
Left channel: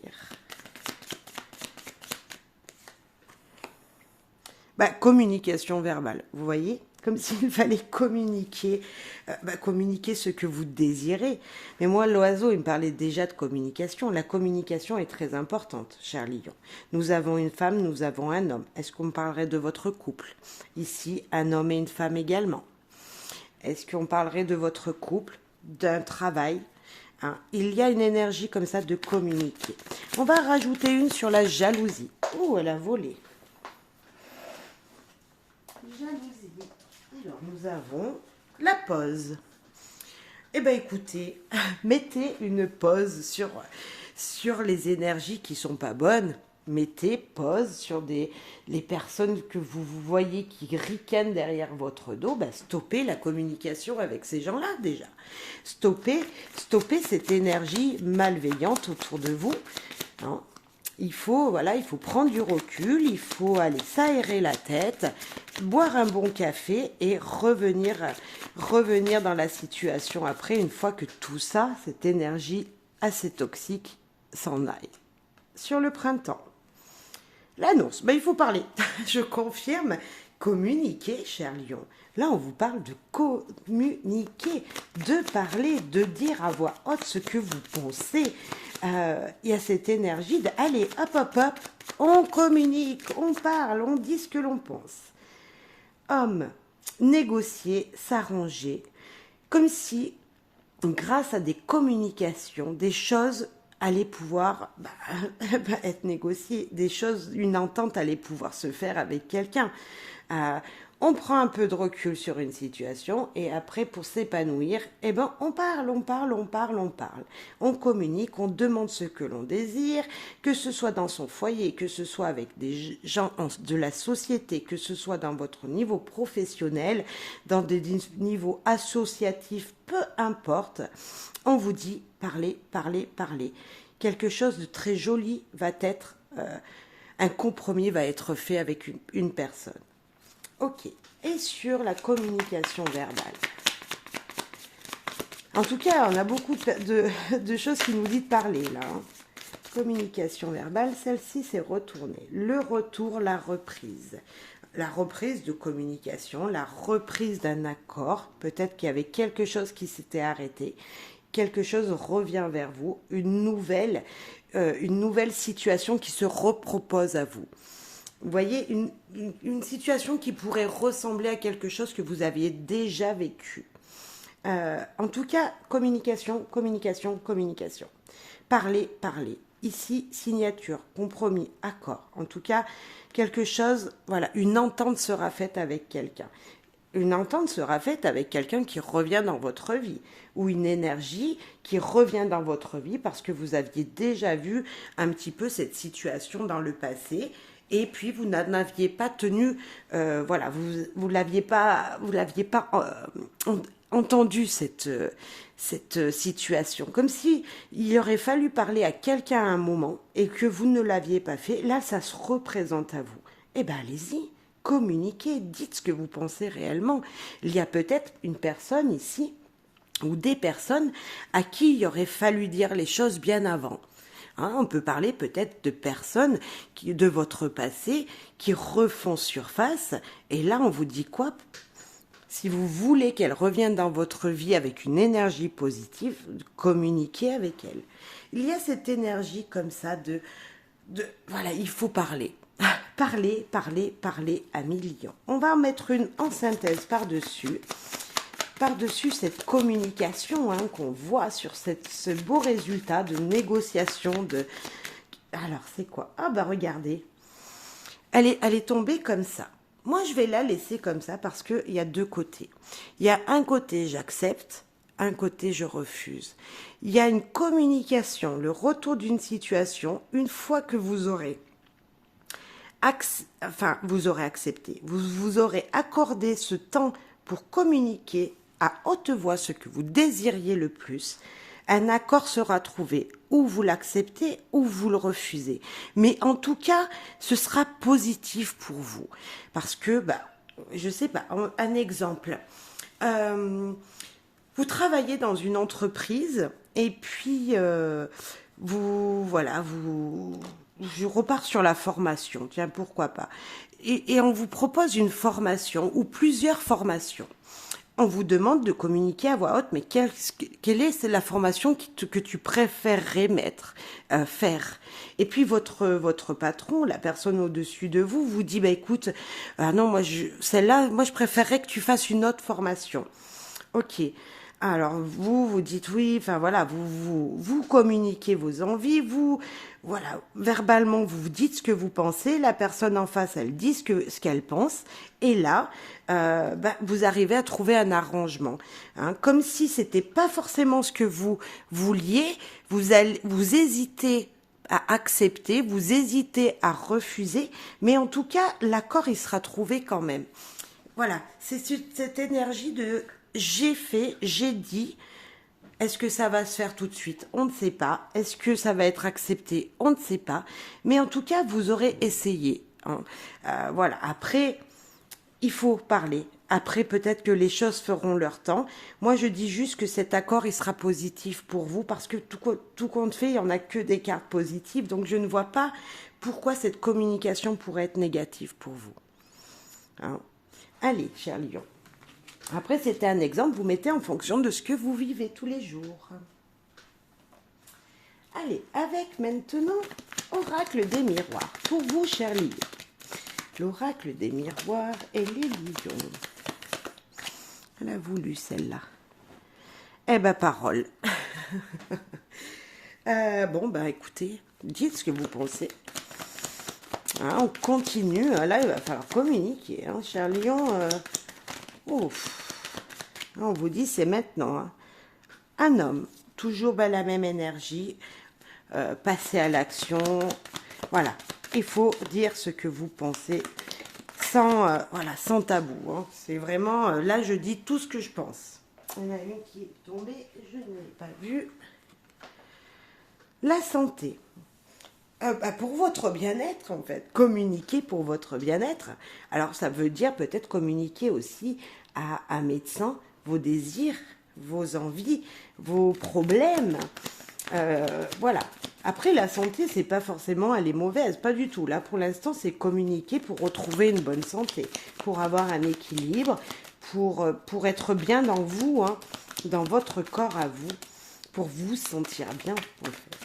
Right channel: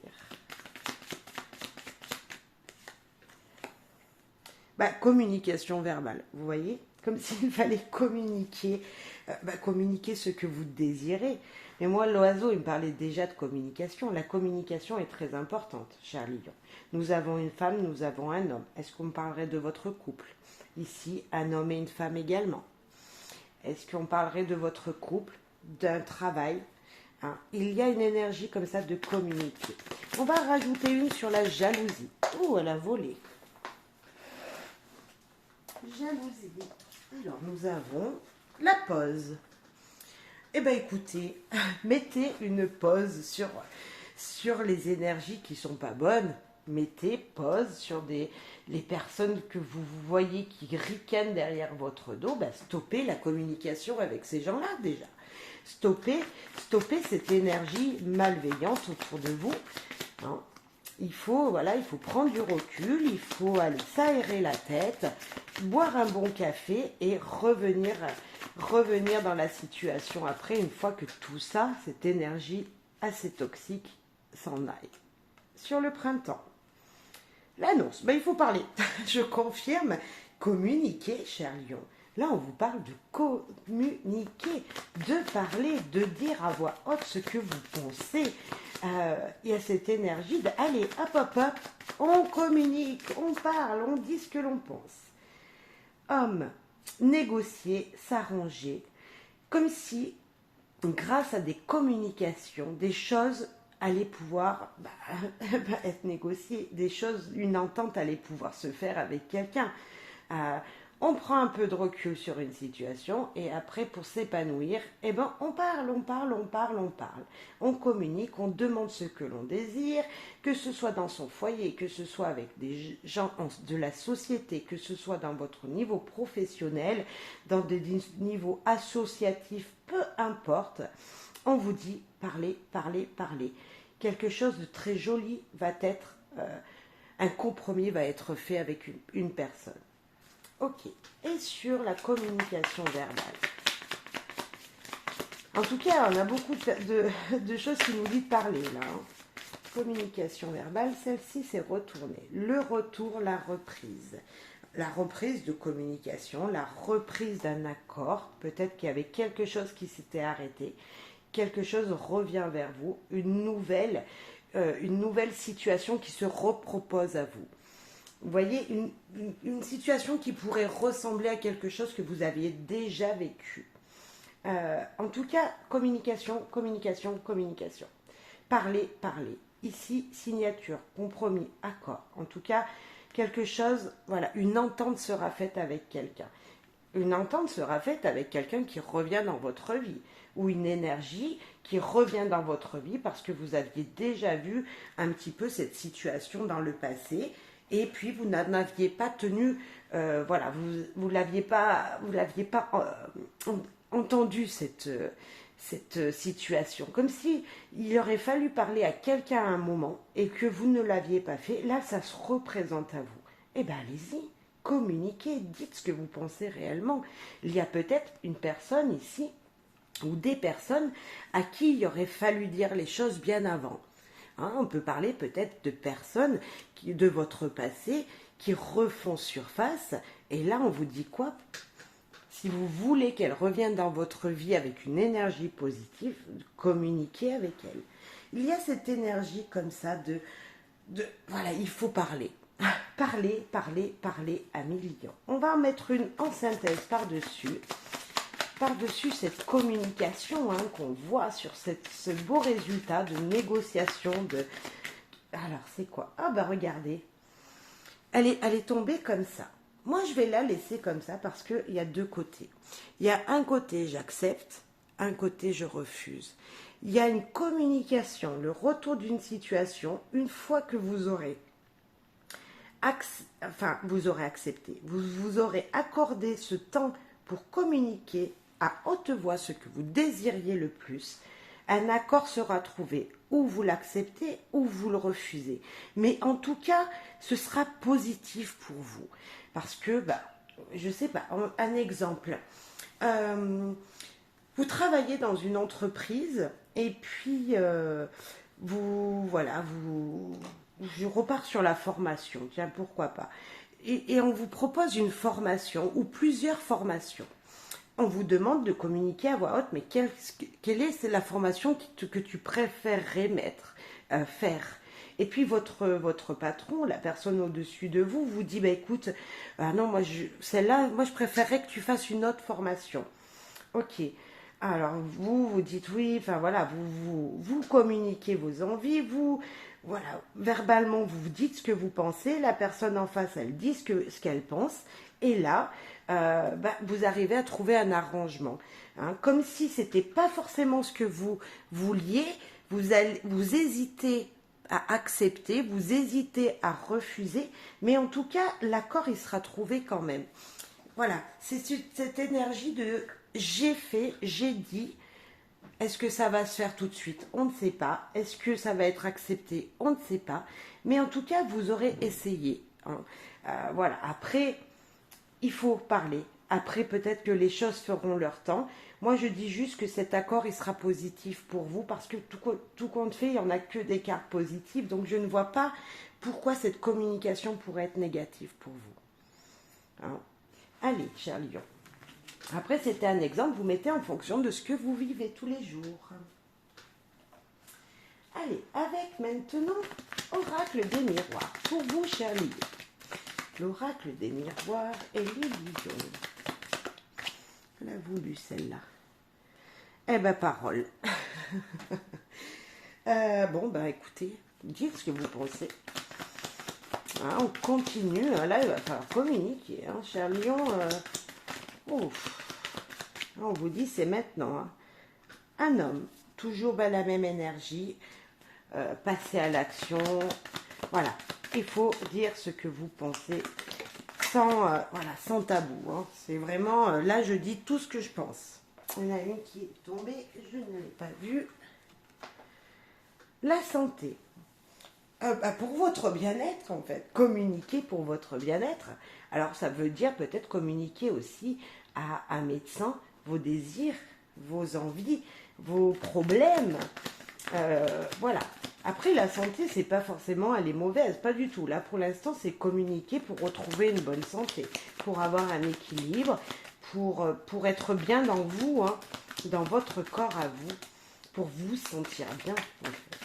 Communication verbale, vous voyez? Comme s'il fallait communiquer, communiquer ce que vous désirez. Mais moi, l'oiseau, il me parlait déjà de communication. La communication est très importante, cher lion. Nous avons une femme, nous avons un homme. Est-ce qu'on parlerait de votre couple? Ici, un homme et une femme également. Est-ce qu'on parlerait de votre couple, d'un travail? Il y a une énergie comme ça de communiquer. On va rajouter une sur la jalousie. Oh, elle a volé. Jalousie. Alors, nous avons la pause. Eh bien, écoutez, mettez une pause sur les énergies qui sont pas bonnes. Mettez pause sur les personnes que vous voyez qui ricanent derrière votre dos. Stoppez la communication avec ces gens-là, déjà. Stoppez cette énergie malveillante autour de vous. Il faut prendre du recul, il faut aller s'aérer la tête, boire un bon café et revenir dans la situation après, une fois que tout ça, cette énergie assez toxique, s'en aille. Sur le printemps, l'annonce, il faut parler. Je confirme, communiquer, cher lion. Là, on vous parle de communiquer, de parler, de dire à voix haute ce que vous pensez. Il y a cette énergie de, allez, hop, on communique, on parle, on dit ce que l'on pense. Homme, négocier, s'arranger, comme si, grâce à des communications, des choses allaient pouvoir être négociées, une entente allait pouvoir se faire avec quelqu'un. On prend un peu de recul sur une situation et après, pour s'épanouir, eh ben, on parle, on parle, on parle, on parle. On communique, on demande ce que l'on désire, que ce soit dans son foyer, que ce soit avec des gens de la société, que ce soit dans votre niveau professionnel, dans des niveaux associatifs, peu importe. On vous dit parlez, parlez, parlez. Quelque chose de très joli va être, un compromis va être fait avec une personne. Ok. Et sur la communication verbale. En tout cas, on a beaucoup de choses qui nous disent de parler là. Communication verbale, celle-ci c'est retourner. Le retour, la reprise. La reprise de communication, la reprise d'un accord. Peut-être qu'il y avait quelque chose qui s'était arrêté. Quelque chose revient vers vous. Une nouvelle situation qui se repropose à vous. Vous voyez, une situation qui pourrait ressembler à quelque chose que vous aviez déjà vécu. En tout cas, communication, communication, communication. Parler, parler. Ici, signature, compromis, accord. En tout cas, quelque chose, voilà, une entente sera faite avec quelqu'un. Une entente sera faite avec quelqu'un qui revient dans votre vie ou une énergie qui revient dans votre vie parce que vous aviez déjà vu un petit peu cette situation dans le passé et puis vous n'en aviez pas tenu, voilà, vous l'aviez pas entendu cette situation, comme si il aurait fallu parler à quelqu'un à un moment et que vous ne l'aviez pas fait. Là, ça se représente à vous. Eh bien, allez-y, communiquez, dites ce que vous pensez réellement. Il y a peut-être une personne ici ou des personnes à qui il aurait fallu dire les choses bien avant. Hein, on peut parler peut-être de personnes de votre passé qui refont surface. Et là, on vous dit quoi? Si vous voulez qu'elle revienne dans votre vie avec une énergie positive, communiquez avec elle. Il y a cette énergie comme ça voilà, il faut parler. Parler, parler, parler à millions. On va en mettre une en synthèse par-dessus cette communication qu'on voit sur ce beau résultat de négociation de... Alors, c'est quoi? Ah bah regardez, elle est tombée comme ça. Moi, je vais la laisser comme ça parce qu'il y a deux côtés. Il y a un côté, j'accepte, un côté, je refuse. Il y a une communication, le retour d'une situation, une fois que vous aurez accepté, vous aurez accordé ce temps pour communiquer à haute voix ce que vous désiriez le plus, un accord sera trouvé, ou vous l'acceptez ou vous le refusez. Mais en tout cas, ce sera positif pour vous. Parce que, je sais pas, un exemple. Vous travaillez dans une entreprise et puis je repars sur la formation, tiens, pourquoi pas. Et on vous propose une formation ou plusieurs formations. On vous demande de communiquer à voix haute, mais quelle est la formation que tu préférerais faire. Et puis votre patron, la personne au-dessus de vous, vous dit, écoute, non, celle-là, moi je préférerais que tu fasses une autre formation. Ok. Alors vous dites oui, enfin voilà, vous communiquez vos envies, voilà, verbalement vous dites ce que vous pensez, la personne en face elle dit ce qu'elle pense, et là vous arrivez à trouver un arrangement, hein, comme si c'était pas forcément ce que vous vouliez, vous hésitez à accepter, vous hésitez à refuser, mais en tout cas l'accord il sera trouvé quand même. Voilà, c'est cette énergie de j'ai fait, j'ai dit. Est-ce que ça va se faire tout de suite? On ne sait pas. Est-ce que ça va être accepté? On ne sait pas. Mais en tout cas, vous aurez essayé, hein. Voilà. Après, il faut parler. Après, peut-être que les choses feront leur temps. Moi, je dis juste que cet accord, il sera positif pour vous parce que tout compte fait, il n'y en a que des cartes positives. Donc, je ne vois pas pourquoi cette communication pourrait être négative pour vous. Hein. Allez, cher lion. Après, c'était un exemple, vous mettez en fonction de ce que vous vivez tous les jours. Allez, avec maintenant Oracle des miroirs. Pour vous, cher lion. L'oracle des miroirs et les lions. Elle a voulu celle-là. Eh ben, parole. Écoutez, dites ce que vous pensez. Hein, on continue. Hein, là, il va falloir communiquer. Hein, cher Lion. Ouf. On vous dit, c'est maintenant. Hein. Un homme, toujours la même énergie. Passer à l'action. Voilà. Il faut dire ce que vous pensez sans, voilà, sans tabou. Hein. C'est vraiment, là, je dis tout ce que je pense. Il y en a une qui est tombée, je ne l'ai pas vue. La santé. Pour votre bien-être, en fait. Communiquer pour votre bien-être. Alors, ça veut dire peut-être communiquer aussi à un médecin vos désirs, vos envies, vos problèmes. Voilà. Après, la santé, c'est pas forcément, elle est mauvaise, pas du tout. Là, pour l'instant, c'est communiquer pour retrouver une bonne santé, pour avoir un équilibre, pour être bien dans vous, hein, dans votre corps à vous, pour vous sentir bien, en fait.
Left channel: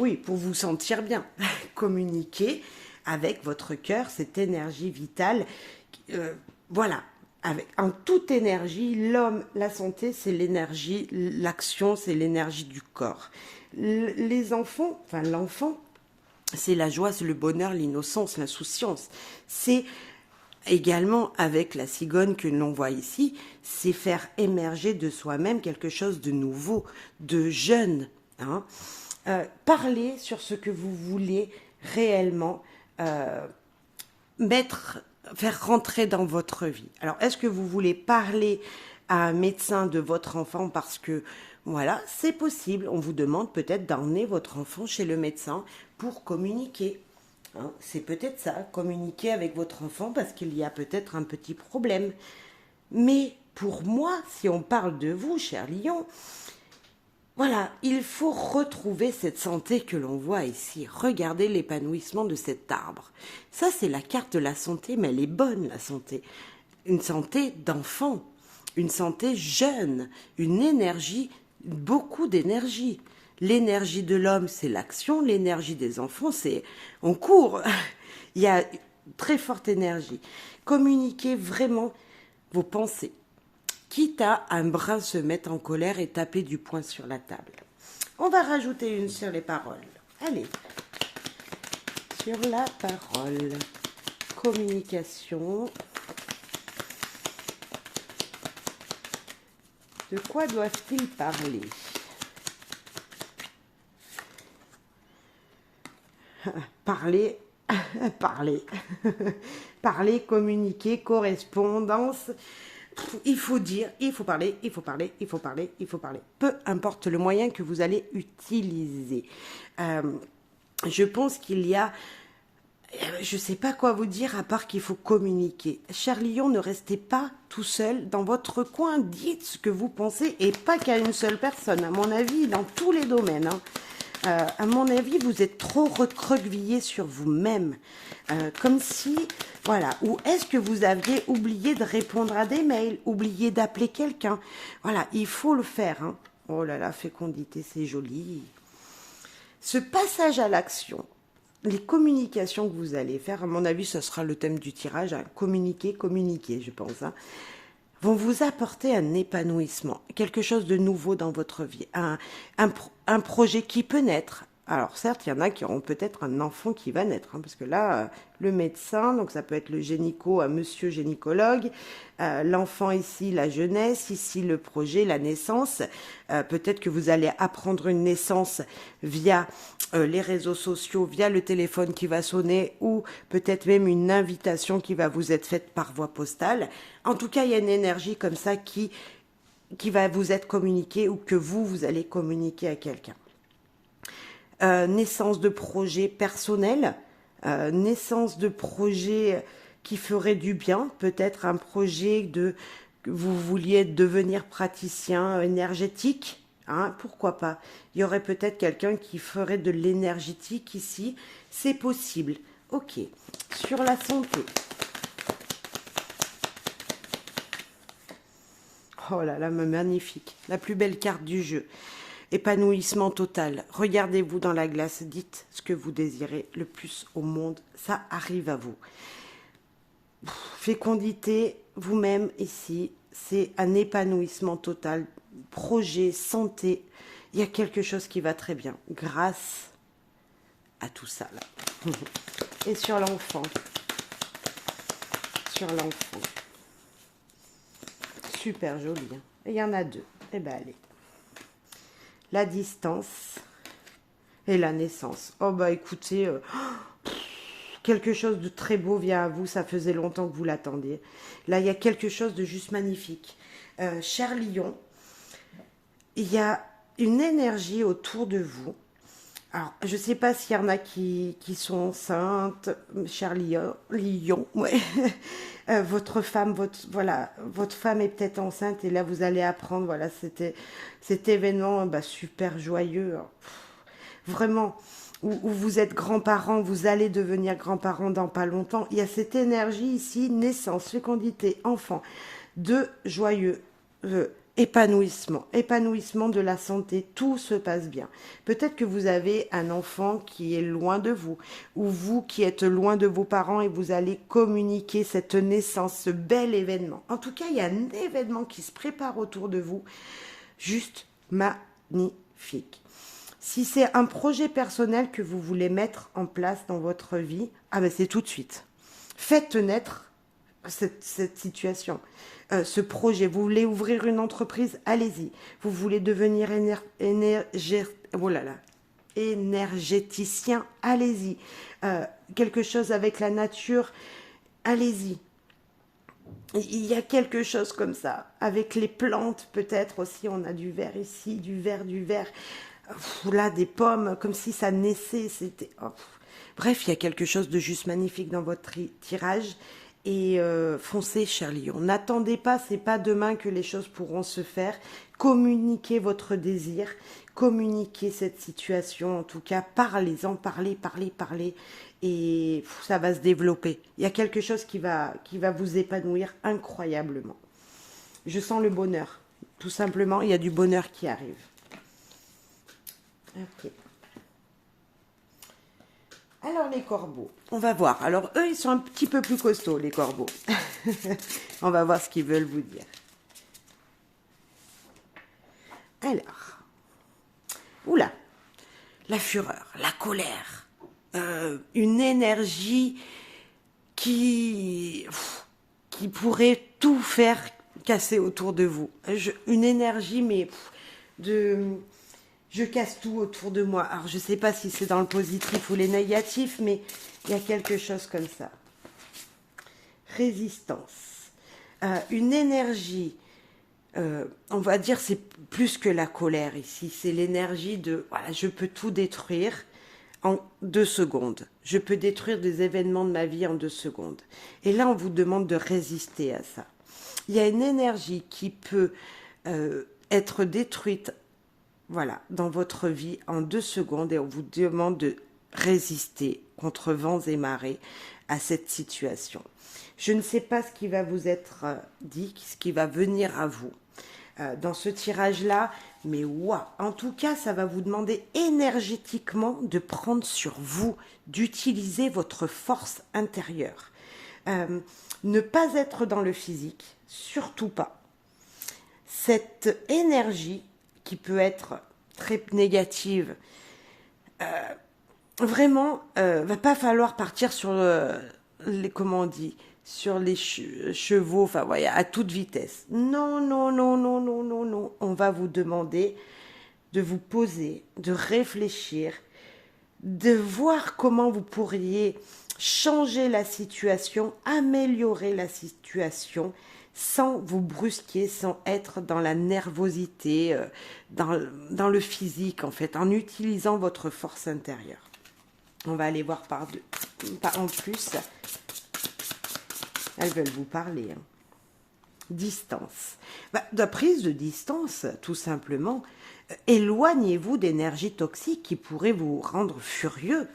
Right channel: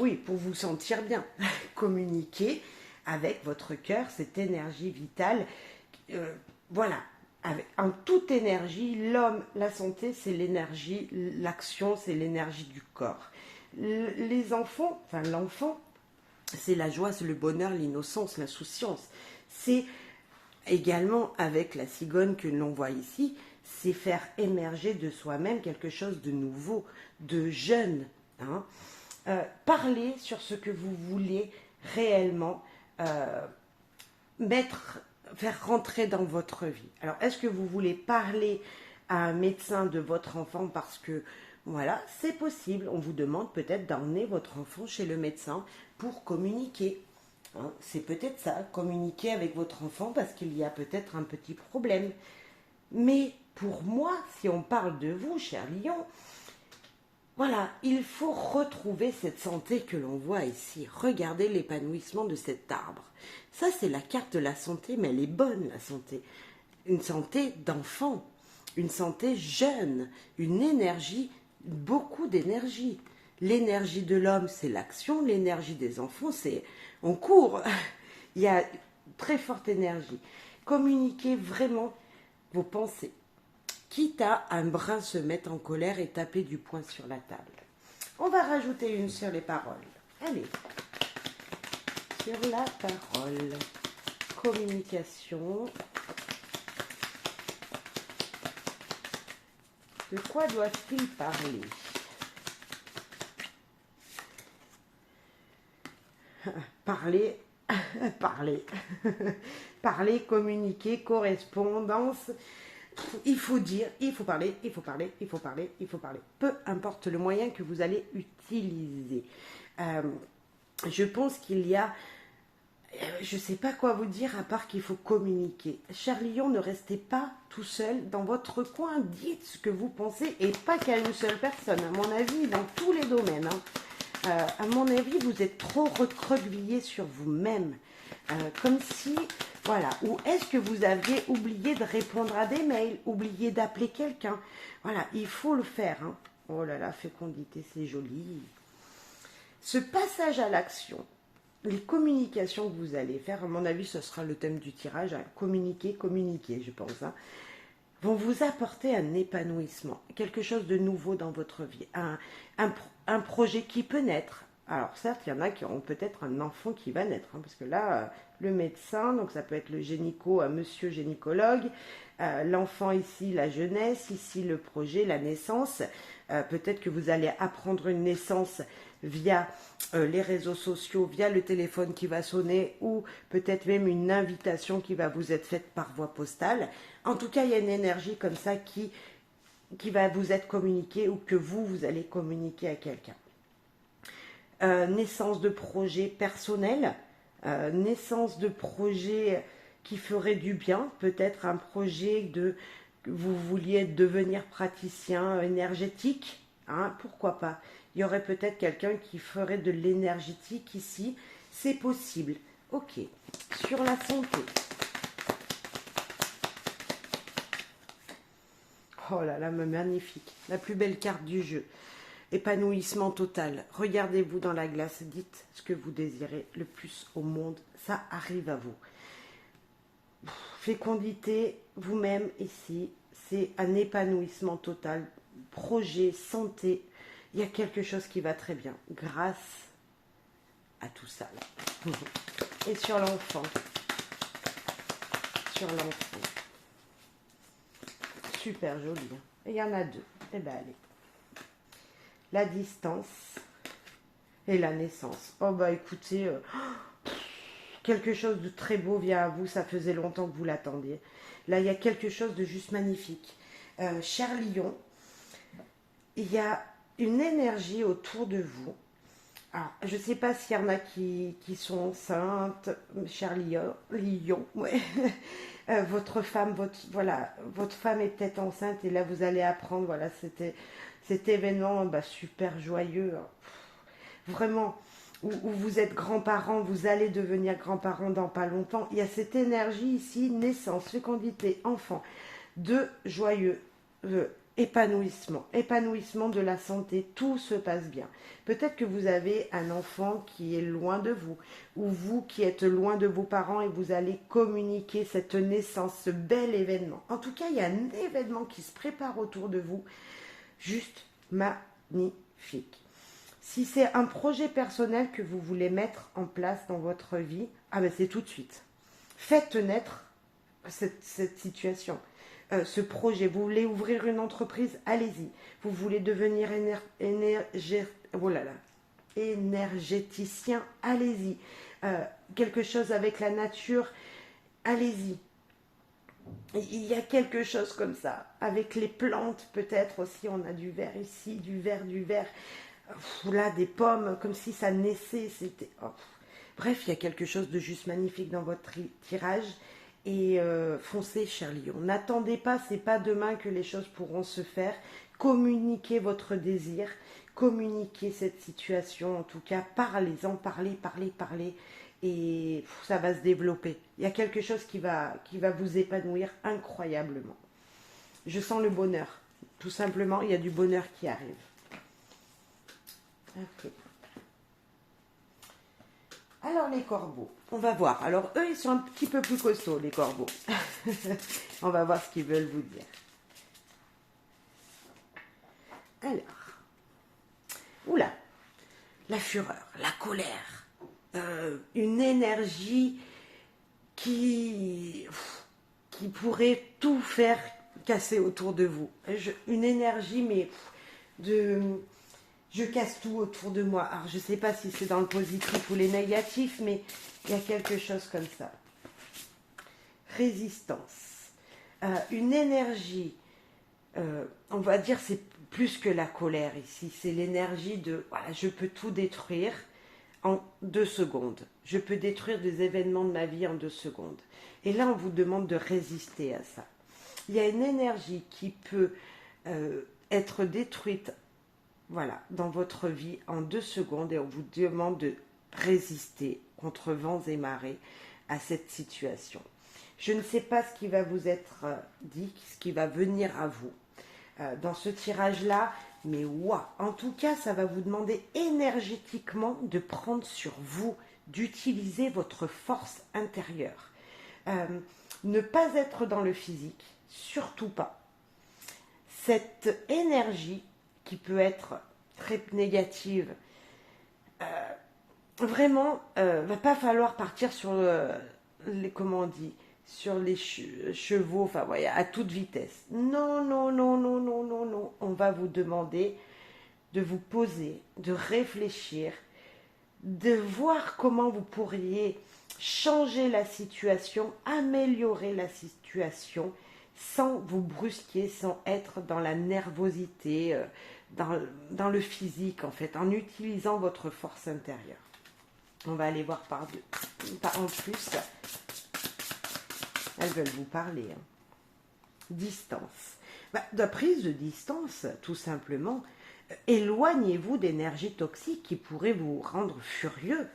Oui, pour vous sentir bien. Communiquer avec votre cœur, cette énergie vitale. Voilà. En toute énergie, l'homme, la santé, c'est l'énergie, l'action, c'est l'énergie du corps. Les enfants, enfin l'enfant, c'est la joie, c'est le bonheur, l'innocence, l'insouciance. C'est également avec la cigogne que l'on voit ici, c'est faire émerger de soi-même quelque chose de nouveau, de jeune. Hein. Parlez sur ce que vous voulez réellement faire rentrer dans votre vie. Alors, est-ce que vous voulez parler à un médecin de votre enfant parce que, voilà, c'est possible. On vous demande peut-être d'emmener votre enfant chez le médecin pour communiquer. Hein, c'est peut-être ça, communiquer avec votre enfant parce qu'il y a peut-être un petit problème. Mais pour moi, si on parle de vous, cher Lion, voilà, il faut retrouver cette santé que l'on voit ici. Regardez l'épanouissement de cet arbre. Ça, c'est la carte de la santé, mais elle est bonne, la santé. Une santé d'enfant, une santé jeune, une énergie, beaucoup d'énergie. L'énergie de l'homme, c'est l'action. L'énergie des enfants, c'est on court. Il y a très forte énergie. Communiquez vraiment vos pensées. Quitte à un brin se mettre en colère et taper du poing sur la table. On va rajouter une sur les paroles. Allez, sur la parole. Communication. De quoi doivent-ils parler? Parler, parler. Parler, communiquer, correspondance. Il faut dire, il faut parler, il faut parler, il faut parler, il faut parler. Peu importe le moyen que vous allez utiliser. Je pense qu'il y a, je ne sais pas quoi vous dire à part qu'il faut communiquer. Cher Lion, ne restez pas tout seul dans votre coin. Dites ce que vous pensez et pas qu'à une seule personne. À mon avis, dans tous les domaines. Hein. À mon avis, vous êtes trop recroquevillé sur vous-même. Comme si, voilà, ou est-ce que vous aviez oublié de répondre à des mails, oublié d'appeler quelqu'un? Voilà, il faut le faire. Hein. Oh là là, fécondité, c'est joli. Ce passage à l'action, les communications que vous allez faire, à mon avis, ce sera le thème du tirage, hein, communiquer, communiquer, je pense, hein, vont vous apporter un épanouissement, quelque chose de nouveau dans votre vie, un projet qui peut naître. Alors certes, il y en a qui auront peut-être un enfant qui va naître, hein, parce que là, le médecin, donc ça peut être le gynéco, un monsieur gynécologue, l'enfant ici, la jeunesse, ici le projet, la naissance. Peut-être que vous allez apprendre une naissance via les réseaux sociaux, via le téléphone qui va sonner, ou peut-être même une invitation qui va vous être faite par voie postale. En tout cas, il y a une énergie comme ça qui va vous être communiquée ou que vous allez communiquer à quelqu'un. Naissance de projets personnels, naissance de projets qui feraient du bien, peut-être un projet de vous vouliez devenir praticien énergétique, hein, pourquoi pas. Il y aurait peut-être quelqu'un qui ferait de l'énergétique ici, c'est possible. Ok, sur la santé. Oh là là, magnifique, la plus belle carte du jeu. Épanouissement total. Regardez-vous dans la glace, dites ce que vous désirez le plus au monde, ça arrive à vous. Fécondité, vous-même ici, c'est un épanouissement total. Projet, santé, il y a quelque chose qui va très bien grâce à tout ça là. Et sur l'enfant. Sur l'enfant. Super joli. Hein. Et il y en a deux. Eh bien, allez. La distance et la naissance. Oh, bah écoutez, quelque chose de très beau vient à vous. Ça faisait longtemps que vous l'attendiez. Là, il y a quelque chose de juste magnifique. Cher Lion, il y a une énergie autour de vous. Alors, je ne sais pas s'il y en a qui sont enceintes, cher Lion, ouais. Votre femme, votre femme est peut-être enceinte et là vous allez apprendre, voilà, cet événement bah, super joyeux, hein. Vraiment, où vous êtes grands-parents, vous allez devenir grands-parents dans pas longtemps. Il y a cette énergie ici, naissance, fécondité, enfant, de joyeux épanouissement de la santé, tout se passe bien. Peut-être que vous avez un enfant qui est loin de vous, ou vous qui êtes loin de vos parents et vous allez communiquer cette naissance, ce bel événement. En tout cas, il y a un événement qui se prépare autour de vous, juste magnifique. Si c'est un projet personnel que vous voulez mettre en place dans votre vie, ah ben c'est tout de suite. Faites naître cette situation. Ce projet, vous voulez ouvrir une entreprise, allez-y. Vous voulez devenir énergéticien, allez-y. Quelque chose avec la nature, allez-y. Il y a quelque chose comme ça. Avec les plantes, peut-être aussi, on a du vert ici, du vert. Là, des pommes, comme si ça naissait. C'était... Oh. Bref, il y a quelque chose de juste magnifique dans votre tirage. Et foncez, cher Lion. N'attendez pas, c'est pas demain que les choses pourront se faire. Communiquez votre désir, communiquez cette situation. En tout cas, parlez-en, parlez. Et ça va se développer. Il y a quelque chose qui va vous épanouir incroyablement. Je sens le bonheur. Tout simplement, il y a du bonheur qui arrive. Ok. Alors les corbeaux, on va voir. Alors eux, ils sont un petit peu plus costauds, les corbeaux. On va voir ce qu'ils veulent vous dire. Alors, oula, la fureur, la colère, une énergie qui pourrait tout faire casser autour de vous. Une énergie, mais de... Je casse tout autour de moi. Alors, je ne sais pas si c'est dans le positif ou les négatifs, mais il y a quelque chose comme ça. Résistance. Une énergie, on va dire, c'est plus que la colère ici. C'est l'énergie de, voilà, je peux tout détruire en 2 secondes. Je peux détruire des événements de ma vie en 2 secondes. Et là, on vous demande de résister à ça. Il y a une énergie qui peut être détruite, voilà, dans votre vie en 2 secondes et on vous demande de résister contre vents et marées à cette situation. Je ne sais pas ce qui va vous être dit, ce qui va venir à vous dans ce tirage-là, mais waouh, en tout cas, ça va vous demander énergétiquement de prendre sur vous, d'utiliser votre force intérieure. Ne pas être dans le physique, surtout pas. Cette énergie qui peut être très négative, vraiment, va pas falloir partir sur les, comment on dit, sur les chevaux, enfin, voyez, à toute vitesse. Non. On va vous demander de vous poser, de réfléchir, de voir comment vous pourriez changer la situation, améliorer la situation, sans vous brusquer, sans être dans la nervosité, dans le physique en fait, en utilisant votre force intérieure. On va aller voir en plus. Elles veulent vous parler. Hein. Distance. De prise de distance, tout simplement. Éloignez-vous d'énergie toxique qui pourrait vous rendre furieux.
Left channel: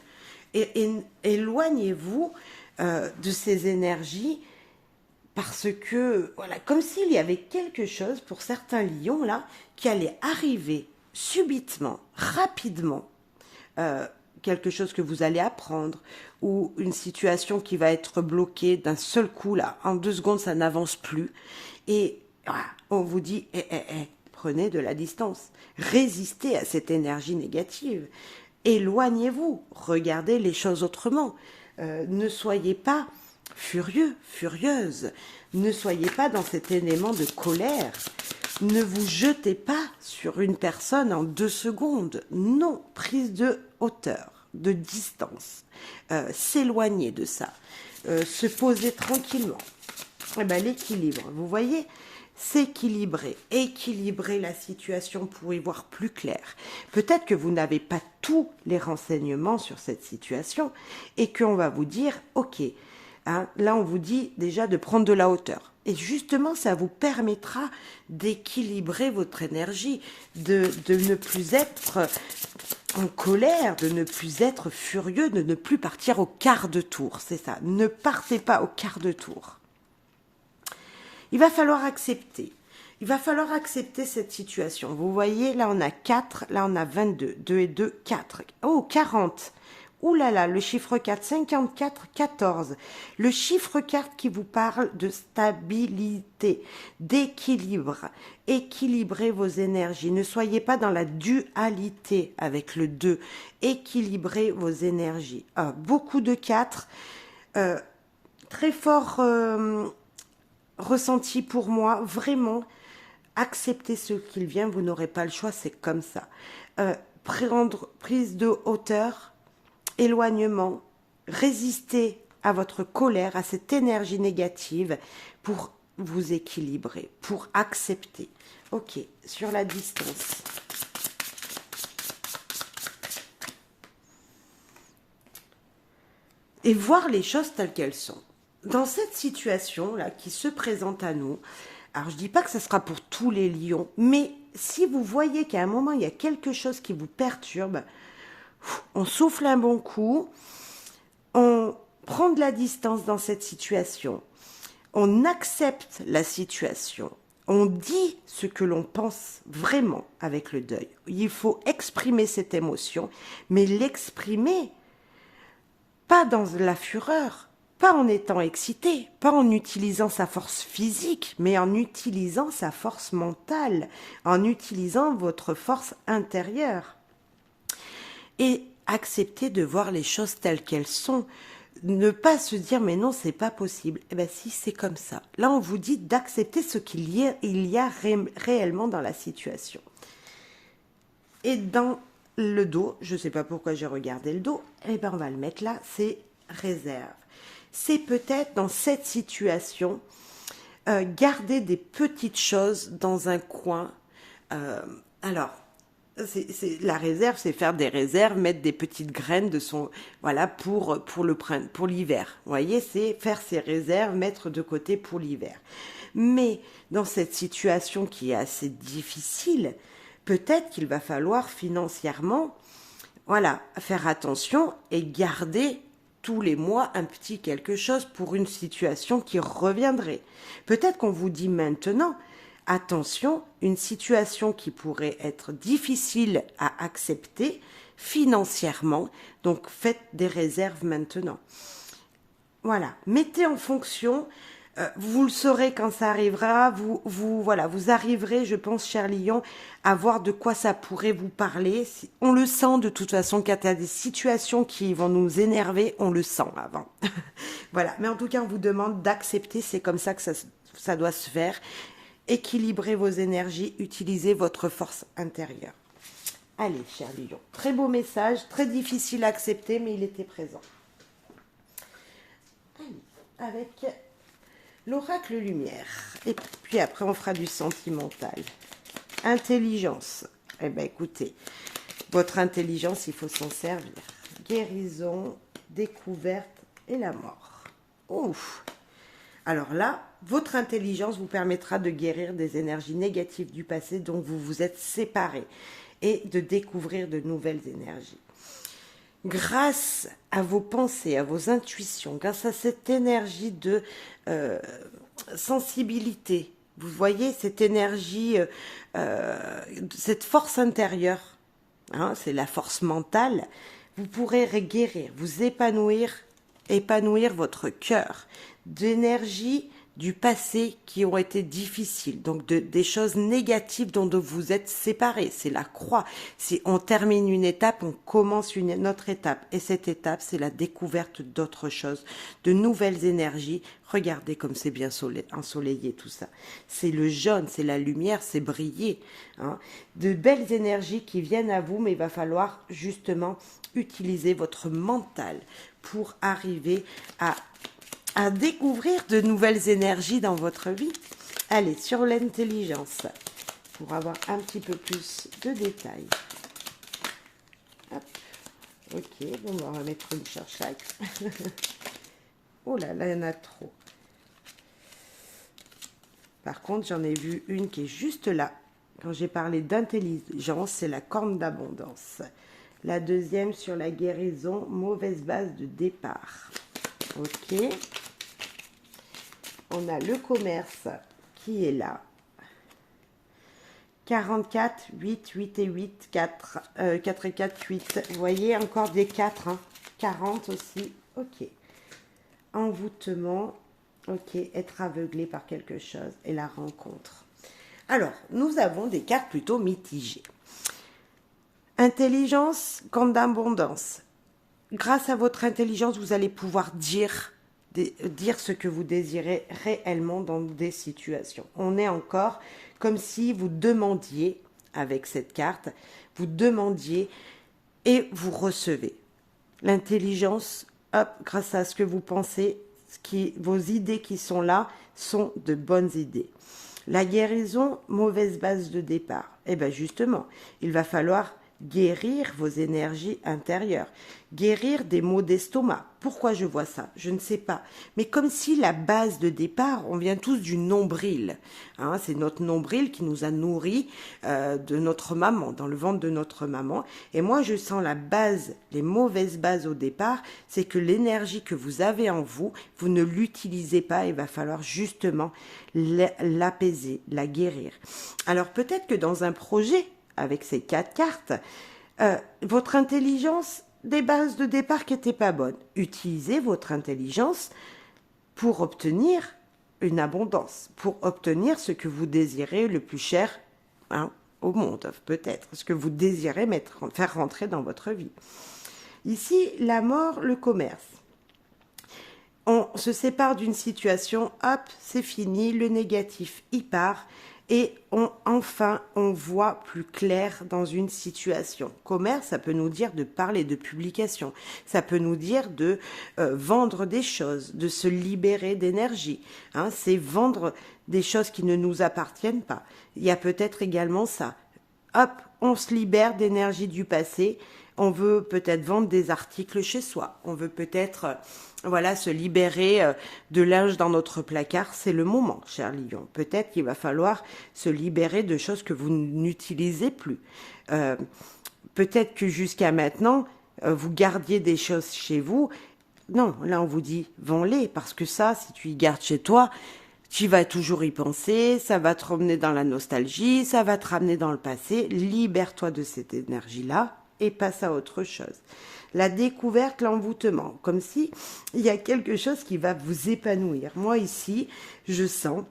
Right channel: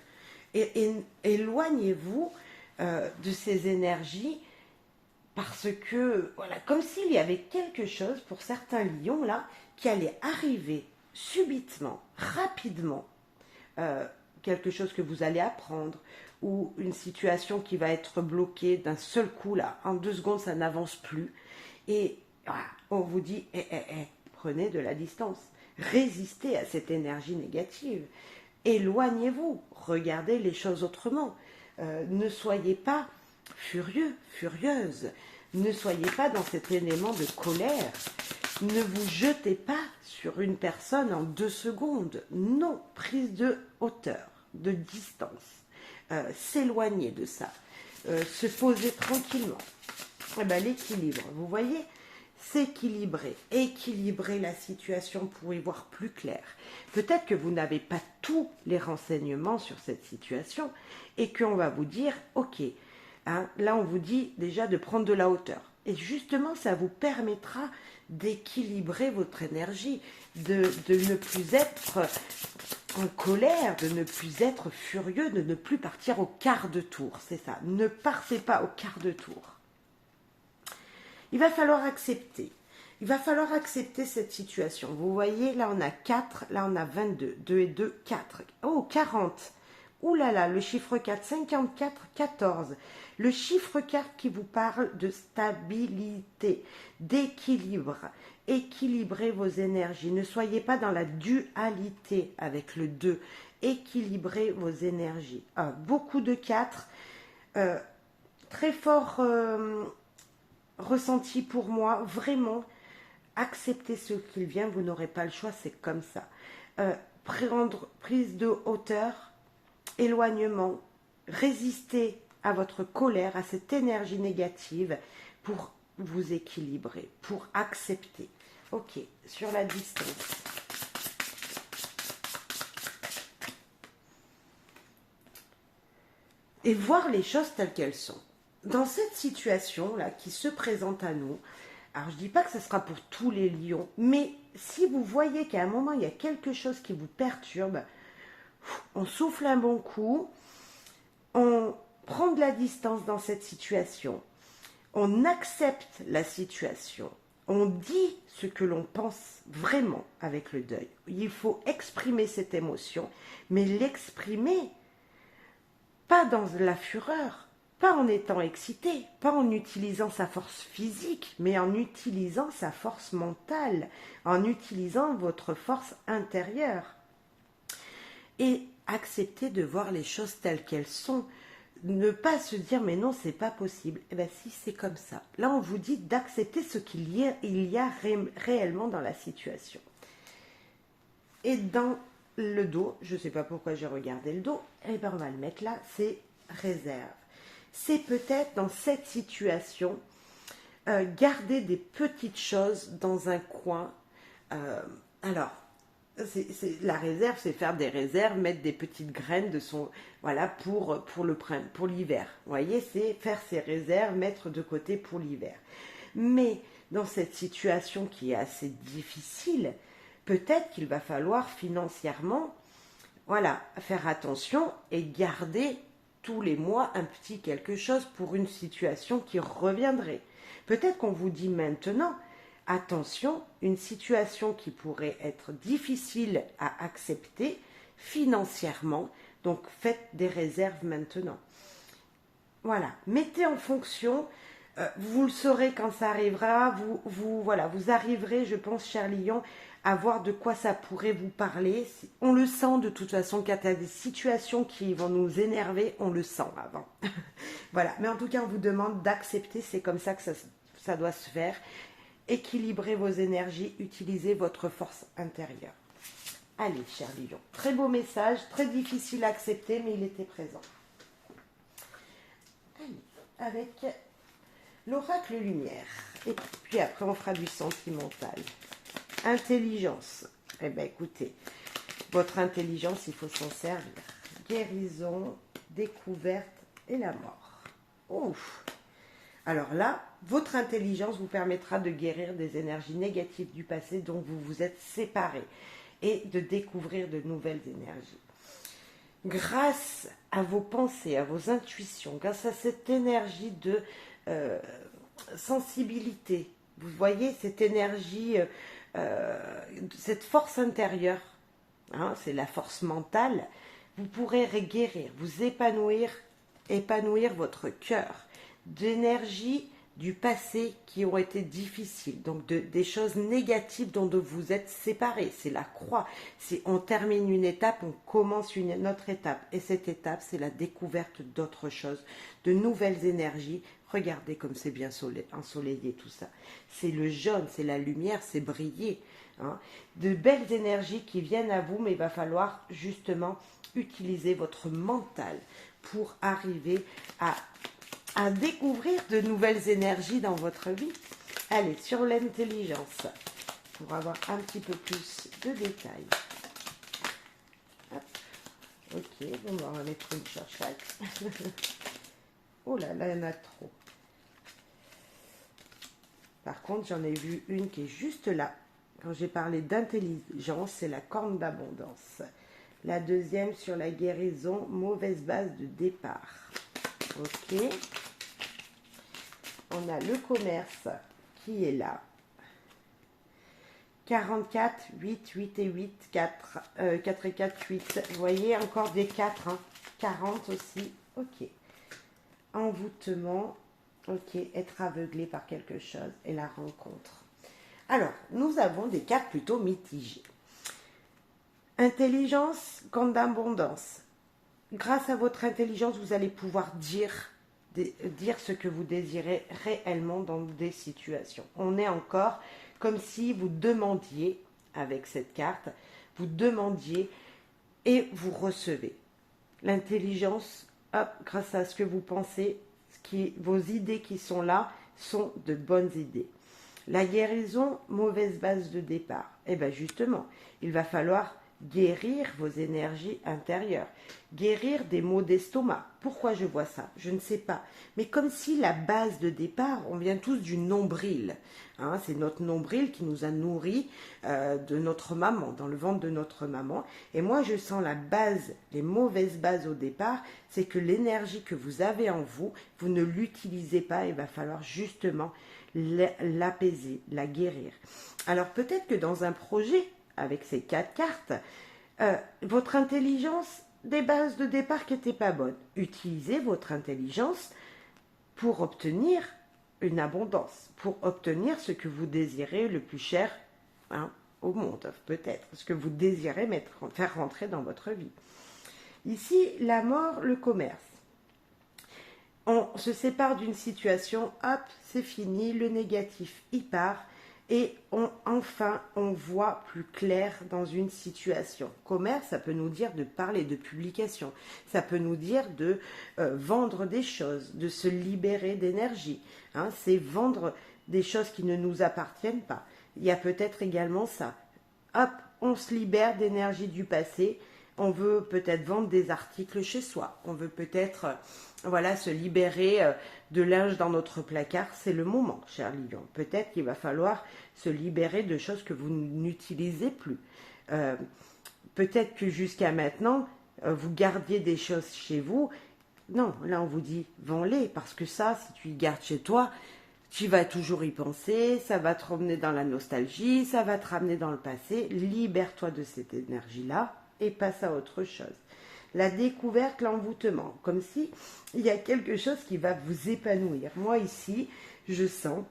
Et éloignez-vous de ces énergies. Parce que, voilà, comme s'il y avait quelque chose pour certains lions, là, qui allait arriver subitement, rapidement, quelque chose que vous allez apprendre, ou une situation qui va être bloquée d'un seul coup, là, en 2 secondes, ça n'avance plus. Et voilà, on vous dit, prenez de la distance, résistez à cette énergie négative. Éloignez-vous, regardez les choses autrement. Ne soyez pas furieux, furieuse. Ne soyez pas dans cet élément de colère. Ne vous jetez pas sur une personne en 2 secondes. Non, prise de hauteur, de distance. S'éloigner de ça. Se poser tranquillement. Eh ben, l'équilibre, vous voyez, s'équilibrer, équilibrer la situation pour y voir plus clair. Peut-être que vous n'avez pas tous les renseignements sur cette situation et qu'on va vous dire, ok, hein, là on vous dit déjà de prendre de la hauteur. Et justement, ça vous permettra d'équilibrer votre énergie, de ne plus être en colère, de ne plus être furieux, de ne plus partir au quart de tour. C'est ça, ne partez pas au quart de tour. Il va falloir accepter. Il va falloir accepter cette situation. Vous voyez, là on a 4, là on a 22. 2 et 2, 4. Oh, 40. Ouh là là, le chiffre 4, 54, 14. Le chiffre 4 qui vous parle de stabilité, d'équilibre. Équilibrez vos énergies. Ne soyez pas dans la dualité avec le 2. Équilibrez vos énergies. Beaucoup de 4. Très fort ressenti pour moi. Vraiment, acceptez ce qu'il vient. Vous n'aurez pas le choix, c'est comme ça. Prise de hauteur. Éloignement, résister à votre colère, à cette énergie négative pour vous équilibrer, pour accepter. Ok, sur la distance. Et voir les choses telles qu'elles sont. Dans cette situation-là qui se présente à nous, alors je ne dis pas que ce sera pour tous les lions, mais si vous voyez qu'à un moment il y a quelque chose qui vous perturbe, on souffle un bon coup, on prend de la distance dans cette situation, on accepte la situation, on dit ce que l'on pense vraiment avec le deuil. Il faut exprimer cette émotion, mais l'exprimer pas dans la fureur, pas en étant excité, pas en utilisant sa force physique, mais en utilisant sa force mentale, en utilisant votre force intérieure. Et accepter de voir les choses telles qu'elles sont. Ne pas se dire mais non, c'est pas possible. Eh bien si, c'est comme ça. Là, on vous dit d'accepter ce qu'il y a réellement dans la situation. Et dans le dos, je ne sais pas pourquoi j'ai regardé le dos, eh bien on va le mettre là, c'est réserve. C'est peut-être dans cette situation, garder des petites choses dans un coin. Alors, la réserve, c'est faire des réserves, mettre des petites graines de son, voilà, pour l'hiver. Vous voyez, c'est faire ses réserves, mettre de côté pour l'hiver. Mais dans cette situation qui est assez difficile, peut-être qu'il va falloir financièrement, voilà, faire attention et garder tous les mois un petit quelque chose pour une situation qui reviendrait. Peut-être qu'on vous dit maintenant, attention, une situation qui pourrait être difficile à accepter financièrement, donc faites des réserves maintenant. Voilà, mettez en fonction, vous le saurez quand ça arrivera, voilà, vous arriverez, je pense, cher Lion, à voir de quoi ça pourrait vous parler. On le sent de toute façon, quand il y a des situations qui vont nous énerver, on le sent avant. Voilà, mais en tout cas, on vous demande d'accepter, c'est comme ça que ça doit se faire. Équilibrez vos énergies, utilisez votre force intérieure. Allez, cher Lion, très beau message, très difficile à accepter, mais il était présent. Allez, avec l'oracle lumière. Et puis après, on fera du sentimental. Intelligence. Eh bien, écoutez, votre intelligence, il faut s'en servir. Guérison, découverte et la mort. Ouf. Alors là, votre intelligence vous permettra de guérir des énergies négatives du passé dont vous vous êtes séparés et de découvrir de nouvelles énergies. Grâce à vos pensées, à vos intuitions, grâce à cette énergie de sensibilité, vous voyez cette énergie, cette force intérieure, hein, c'est la force mentale, vous pourrez guérir, vous épanouir votre cœur d'énergie du passé qui ont été difficiles, donc des choses négatives dont vous êtes séparés. C'est la croix. Si on termine une étape, on commence une autre étape. Et cette étape, c'est la découverte d'autres choses, de nouvelles énergies. Regardez comme c'est bien ensoleillé tout ça. C'est le jaune, c'est la lumière, c'est briller. Hein. De belles énergies qui viennent à vous, mais il va falloir justement utiliser votre mental pour arriver à découvrir de nouvelles énergies dans votre vie. Allez, sur l'intelligence, pour avoir un petit peu plus de détails. Hop. Ok, on va en remettre une sur chaque. Oh là, là, il y en a trop. Par contre, j'en ai vu une qui est juste là. Quand j'ai parlé d'intelligence, c'est la corne d'abondance. La deuxième sur la guérison, mauvaise base de départ. Ok. On a le commerce qui est là. 44, 8, 8 et 8, 4, 4 et 4, 8. Vous voyez, encore des 4, hein. 40 aussi. Ok. Envoûtement. Ok. Être aveuglé par quelque chose. Et la rencontre. Alors, nous avons des cartes plutôt mitigées. Intelligence, compte d'abondance. Grâce à votre intelligence, vous allez pouvoir dire ce que vous désirez réellement dans des situations. On est encore comme si vous demandiez, avec cette carte, vous demandiez et vous recevez. L'intelligence, hop, grâce à ce que vous pensez, vos idées qui sont là sont de bonnes idées. La guérison, mauvaise base de départ. Eh bien justement, il va falloir guérir vos énergies intérieures, guérir des maux d'estomac. Pourquoi je vois ça? Je ne sais pas. Mais comme si la base de départ, on vient tous du nombril. Hein, c'est notre nombril qui nous a nourris de notre maman, dans le ventre de notre maman. Et moi, je sens la base, les mauvaises bases au départ, c'est que l'énergie que vous avez en vous, vous ne l'utilisez pas. Il va falloir justement l'apaiser, la guérir. Alors peut-être que dans un projet, avec ces 4 cartes, votre intelligence, des bases de départ qui n'étaient pas bonnes. Utilisez votre intelligence pour obtenir une abondance, pour obtenir ce que vous désirez le plus cher au monde, peut-être, ce que vous désirez faire rentrer dans votre vie. Ici, la mort, le commerce. On se sépare d'une situation, hop, c'est fini, le négatif, il part. Et enfin, on voit plus clair dans une situation. Commerce, ça peut nous dire de parler de publication. Ça peut nous dire de vendre des choses, de se libérer d'énergie. Hein, c'est vendre des choses qui ne nous appartiennent pas. Il y a peut-être également ça. Hop, on se libère d'énergie du passé. On veut peut-être vendre des articles chez soi. On veut peut-être... voilà, se libérer de linge dans notre placard, c'est le moment, cher lion. Peut-être qu'il va falloir se libérer de choses que vous n'utilisez plus. Peut-être que jusqu'à maintenant, vous gardiez des choses chez vous. Non, là on vous dit, vends-les, parce que ça, si tu y gardes chez toi, tu vas toujours y penser, ça va te ramener dans la nostalgie, ça va te ramener dans le passé. Libère-toi de cette énergie-là et passe à autre chose. La découverte, l'envoûtement, comme si il y a quelque chose qui va vous épanouir. Moi ici, je sens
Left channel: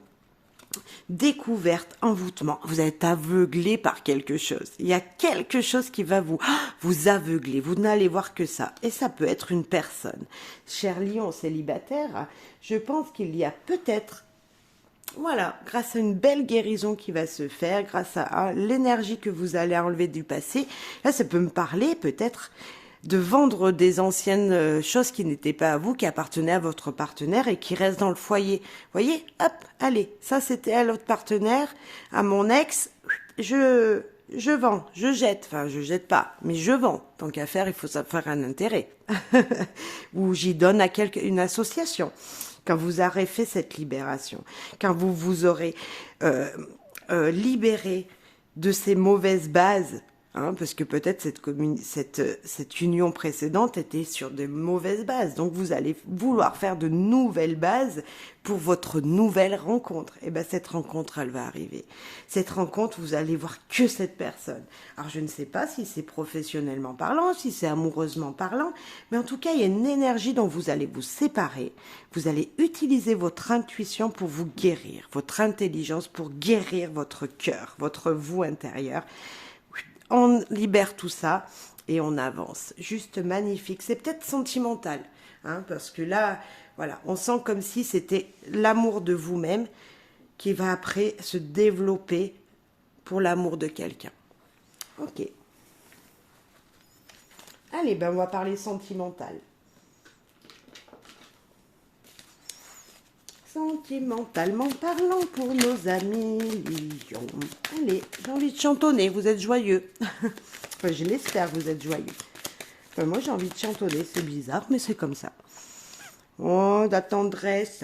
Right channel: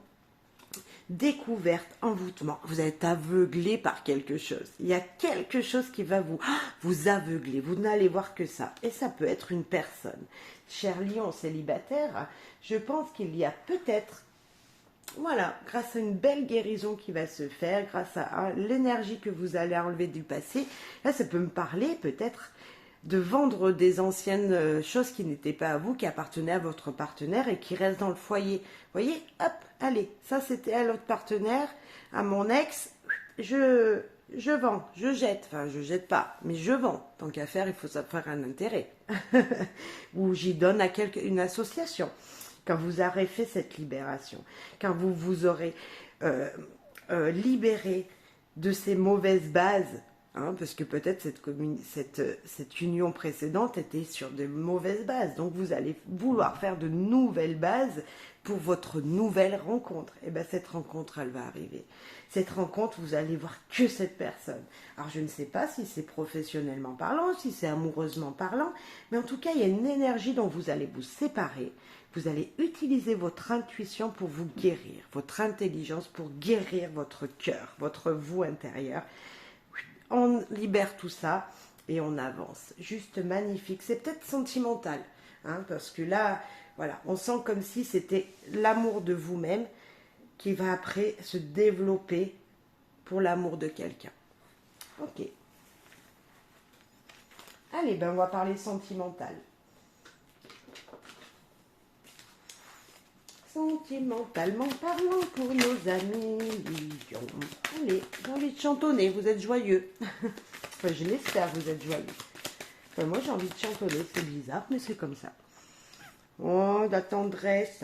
découverte, envoûtement. Vous êtes aveuglé par quelque chose. Il y a quelque chose qui va vous aveugler. Vous n'allez voir que ça. Et ça peut être une personne. Cher lion célibataire, je pense qu'il y a peut-être... Voilà, grâce à une belle guérison qui va se faire, grâce à l'énergie que vous allez enlever du passé, là ça peut me parler peut-être de vendre des anciennes choses qui n'étaient pas à vous, qui appartenaient à votre partenaire et qui restent dans le foyer. Vous voyez, hop, allez, ça c'était à l'autre partenaire, à mon ex, je vends, je jette, enfin je jette pas, mais je vends. Tant qu'à faire, il faut ça faire un intérêt. Ou j'y donne à une association. Quand vous aurez fait cette libération, quand vous aurez libéré de ces mauvaises bases, hein, parce que peut-être cette union précédente était sur de mauvaises bases. Donc vous allez vouloir faire de nouvelles bases pour votre nouvelle rencontre. Et bien cette rencontre, elle va arriver. Cette rencontre, vous allez voir que cette personne. Alors je ne sais pas si c'est professionnellement parlant, si c'est amoureusement parlant, mais en tout cas, il y a une énergie dont vous allez vous séparer. Vous allez utiliser votre intuition pour vous guérir, votre intelligence pour guérir votre cœur, votre vous intérieur. On libère tout ça et on avance. Juste magnifique. C'est peut-être sentimental, hein, parce que là, voilà, on sent comme si c'était l'amour de vous-même qui va après se développer pour l'amour de quelqu'un. Ok. Allez, ben on va parler sentimental. Sentimentalement parlant pour nos amis. Allez, j'ai envie de chantonner, vous êtes joyeux. Enfin, je l'espère, vous êtes joyeux. Enfin, moi, j'ai envie de chantonner, c'est bizarre, mais c'est comme ça. Oh, la tendresse.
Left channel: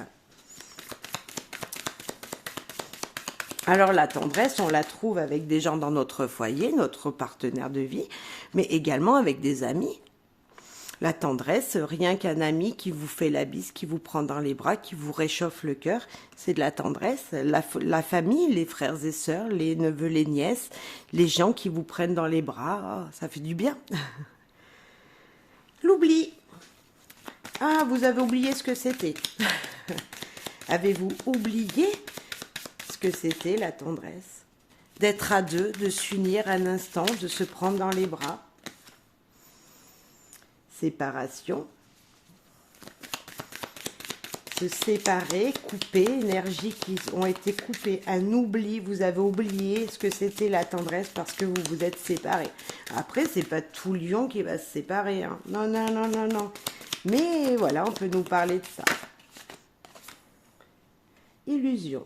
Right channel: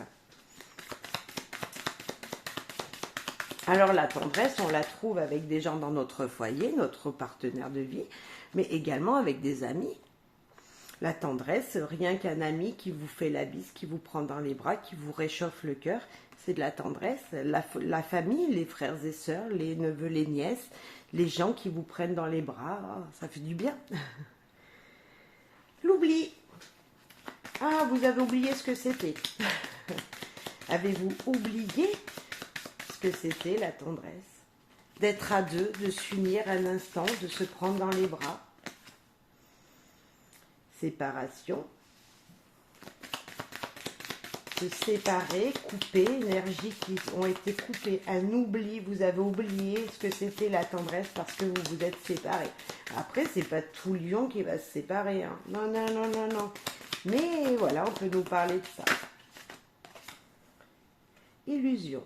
Alors, la tendresse, on la trouve avec des gens dans notre foyer, notre partenaire de vie, mais également avec des amis. La tendresse, rien qu'un ami qui vous fait la bise, qui vous prend dans les bras, qui vous réchauffe le cœur, c'est de la tendresse. La famille, les frères et sœurs, les neveux, les nièces, les gens qui vous prennent dans les bras, oh, ça fait du bien. L'oubli. Ah, vous avez oublié ce que c'était. Avez-vous oublié ce que c'était la tendresse? D'être à deux, de s'unir un instant, de se prendre dans les bras. Séparation, se séparer, couper, énergies qui ont été coupées, un oubli, vous avez oublié ce que c'était la tendresse parce que vous vous êtes séparés. Après, c'est pas tout lion qui va se séparer, hein. Non, non, non, non, non. Mais voilà, on peut nous parler de ça. Illusion.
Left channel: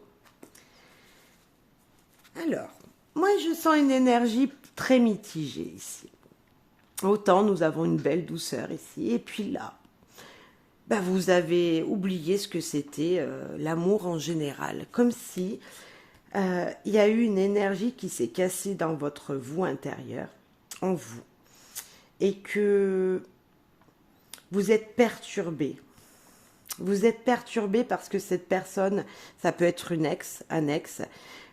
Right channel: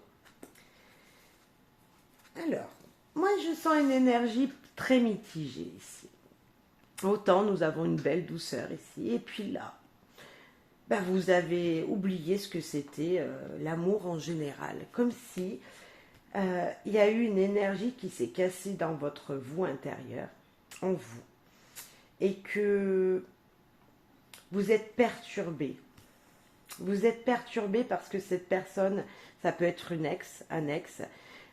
Alors, moi je sens une énergie très mitigée ici. Autant nous avons une belle douceur ici, et puis là, ben vous avez oublié ce que c'était l'amour en général. Comme si il y a eu une énergie qui s'est cassée dans votre vous intérieur, en vous, et que vous êtes perturbé. Vous êtes perturbé parce que cette personne, ça peut être une ex, un ex,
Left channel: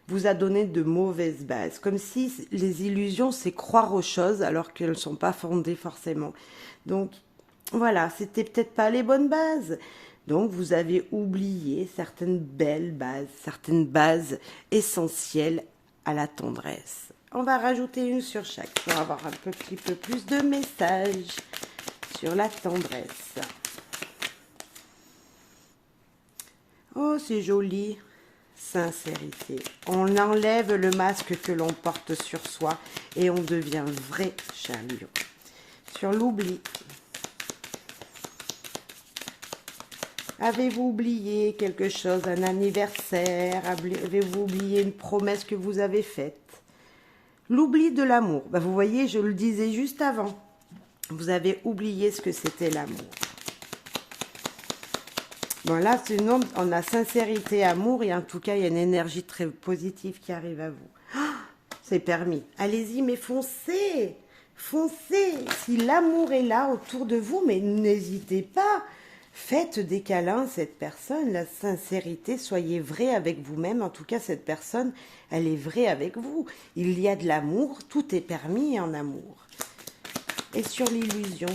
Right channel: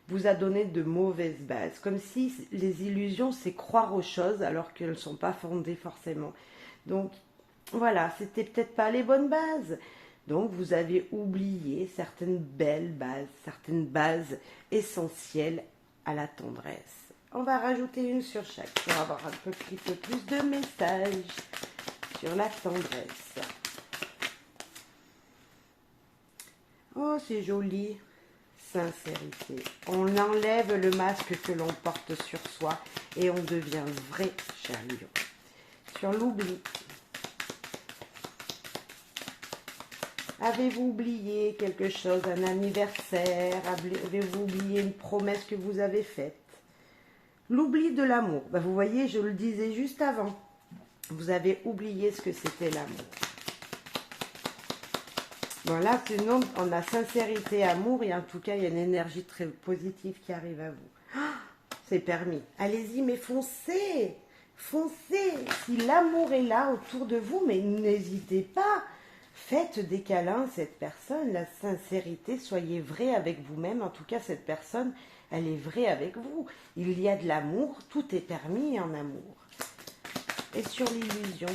vous a donné de mauvaises bases. Comme si les illusions, c'est croire aux choses alors qu'elles ne sont pas fondées forcément. Donc, voilà, c'était peut-être pas les bonnes bases. Donc, vous avez oublié certaines belles bases, certaines bases essentielles à la tendresse. On va rajouter une sur chaque pour avoir un petit peu plus de messages sur la tendresse. Oh, c'est joli. Sincérité. On enlève le masque que l'on porte sur soi et on devient vrai, cher lion. Sur l'oubli. Avez-vous oublié quelque chose, un anniversaire? Avez-vous oublié une promesse que vous avez faite? L'oubli de l'amour. Ben, vous voyez, je le disais juste avant. Vous avez oublié ce que c'était l'amour. Bon, là, on a sincérité, amour, et en tout cas, il y a une énergie très positive qui arrive à vous. Ah, c'est permis. Allez-y, mais foncez. Foncez. Si l'amour est là autour de vous, mais n'hésitez pas. Faites des câlins à cette personne. La sincérité, soyez vrai avec vous-même. En tout cas, cette personne, elle est vraie avec vous. Il y a de l'amour. Tout est permis en amour. Et sur l'illusion.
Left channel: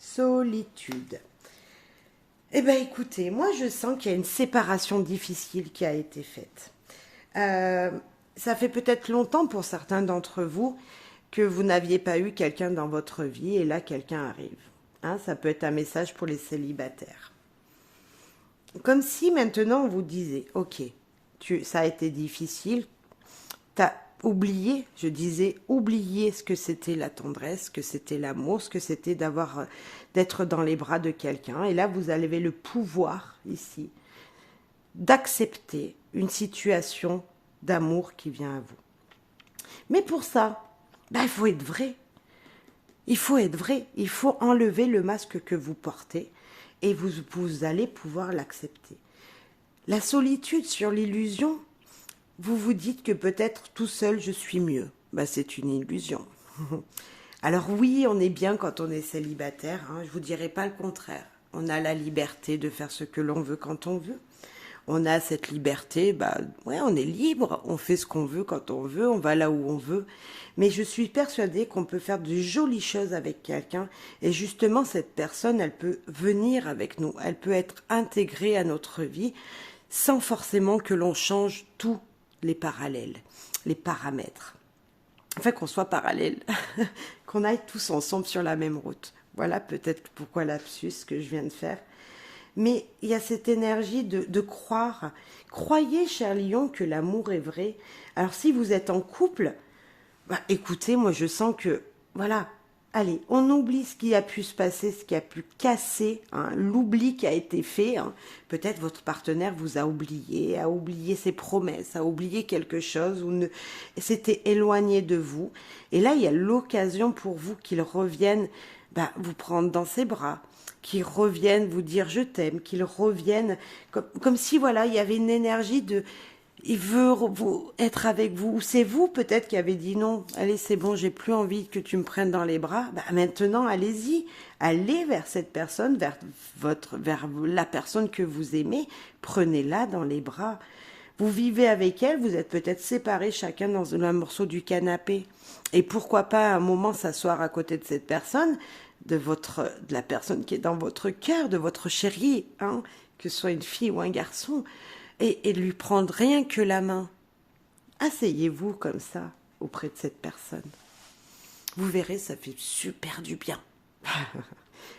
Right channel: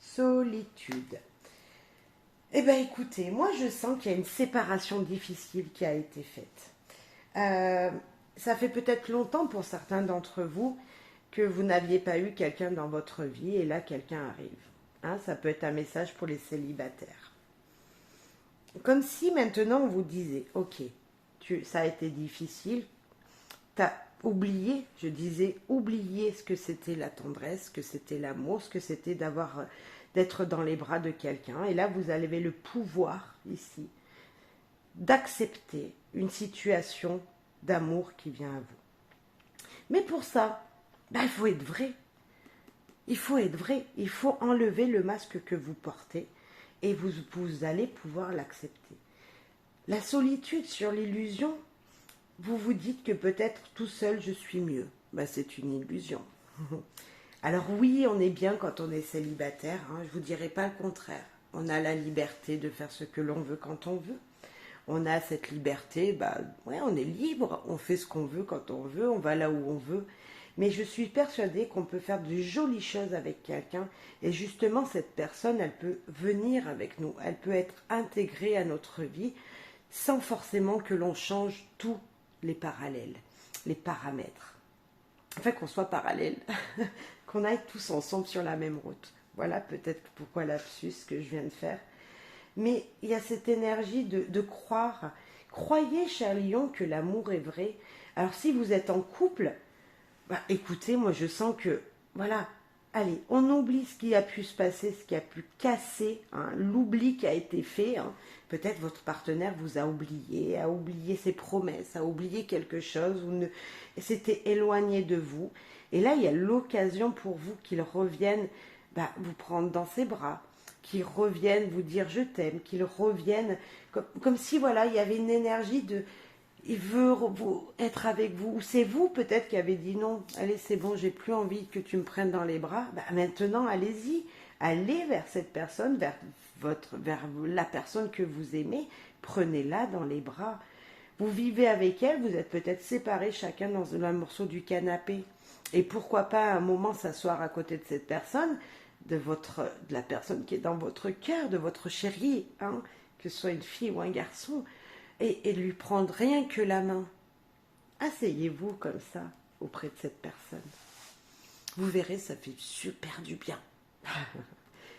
Solitude. Eh bien, écoutez, moi, je sens qu'il y a une séparation difficile qui a été faite. Ça fait peut-être longtemps pour certains d'entre vous que vous n'aviez pas eu quelqu'un dans votre vie et là, quelqu'un arrive. Hein, ça peut être un message pour les célibataires. Comme si maintenant, on vous disait, ok, ça a été difficile, tu as oublié, je disais, oublier ce que c'était la tendresse, ce que c'était l'amour, ce que c'était d'être dans les bras de quelqu'un. Et là, vous avez le pouvoir ici d'accepter une situation d'amour qui vient à vous. Mais pour ça, ben, il faut être vrai. Il faut être vrai. Il faut enlever le masque que vous portez et vous allez pouvoir l'accepter. La solitude sur l'illusion, vous vous dites que peut-être tout seul je suis mieux. Bah, c'est une illusion. Alors oui, on est bien quand on est célibataire, hein, je vous dirai pas le contraire. On a la liberté de faire ce que l'on veut quand on veut. On a cette liberté, bah ouais, on est libre, on fait ce qu'on veut quand on veut, on va là où on veut. Mais je suis persuadée qu'on peut faire de jolies choses avec quelqu'un et justement cette personne, elle peut venir avec nous, elle peut être intégrée à notre vie sans forcément que l'on change tous les parallèles, les paramètres. Enfin, qu'on soit parallèles, qu'on aille tous ensemble sur la même route. Voilà peut-être pourquoi lapsus que je viens de faire. Mais il y a cette énergie de croire. Croyez, cher lion, que l'amour est vrai. Alors si vous êtes en couple, bah, écoutez, moi je sens que, voilà, allez, on oublie ce qui a pu se passer, ce qui a pu casser, hein, l'oubli qui a été fait. Hein. Peut-être votre partenaire vous a oublié ses promesses, a oublié quelque chose, ou s'était éloigné de vous. Et là, il y a l'occasion pour vous qu'il revienne bah, vous prendre dans ses bras, qu'il revienne vous dire je t'aime, qu'il revienne comme si voilà, il y avait une énergie de il veut être avec vous, ou c'est vous peut-être qui avez dit non, allez c'est bon, j'ai plus envie que tu me prennes dans les bras, bah, maintenant allez-y, allez vers cette personne, vers la personne que vous aimez, prenez-la dans les bras. Vous vivez avec elle, vous êtes peut-être séparés chacun dans un morceau du canapé, et pourquoi pas à un moment s'asseoir à côté de cette personne, de la personne qui est dans votre cœur, de votre chérie, hein, que ce soit une fille ou un garçon, et lui prendre rien que la main. Asseyez-vous comme ça auprès de cette personne. Vous verrez, ça fait super du bien.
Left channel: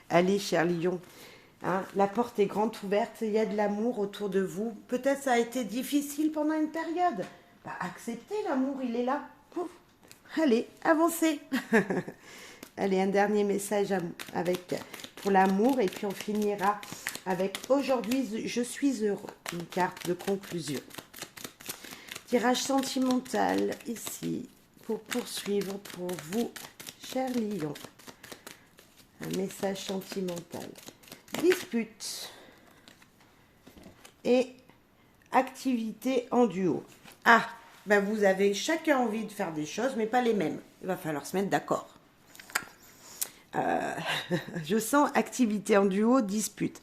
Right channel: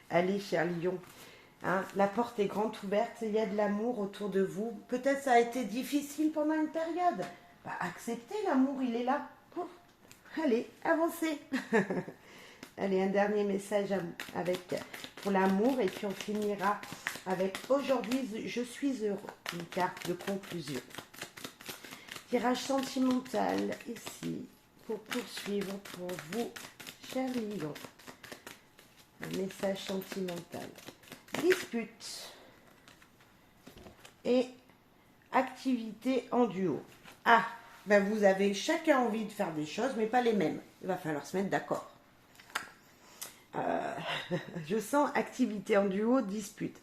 Allez, cher lion, hein, la porte est grande ouverte, il y a de l'amour autour de vous. Peut-être ça a été difficile pendant une période. Bah, acceptez l'amour, il est là. Allez, avancez. Allez, un dernier message pour l'amour et puis on finira avec aujourd'hui, je suis heureux, une carte de conclusion. Tirage sentimental ici pour poursuivre pour vous, cher lion. Un message sentimental. Dispute et activité en duo. Ah, ben vous avez chacun envie de faire des choses, mais pas les mêmes. Il va falloir se mettre d'accord. Je sens activité en duo, dispute.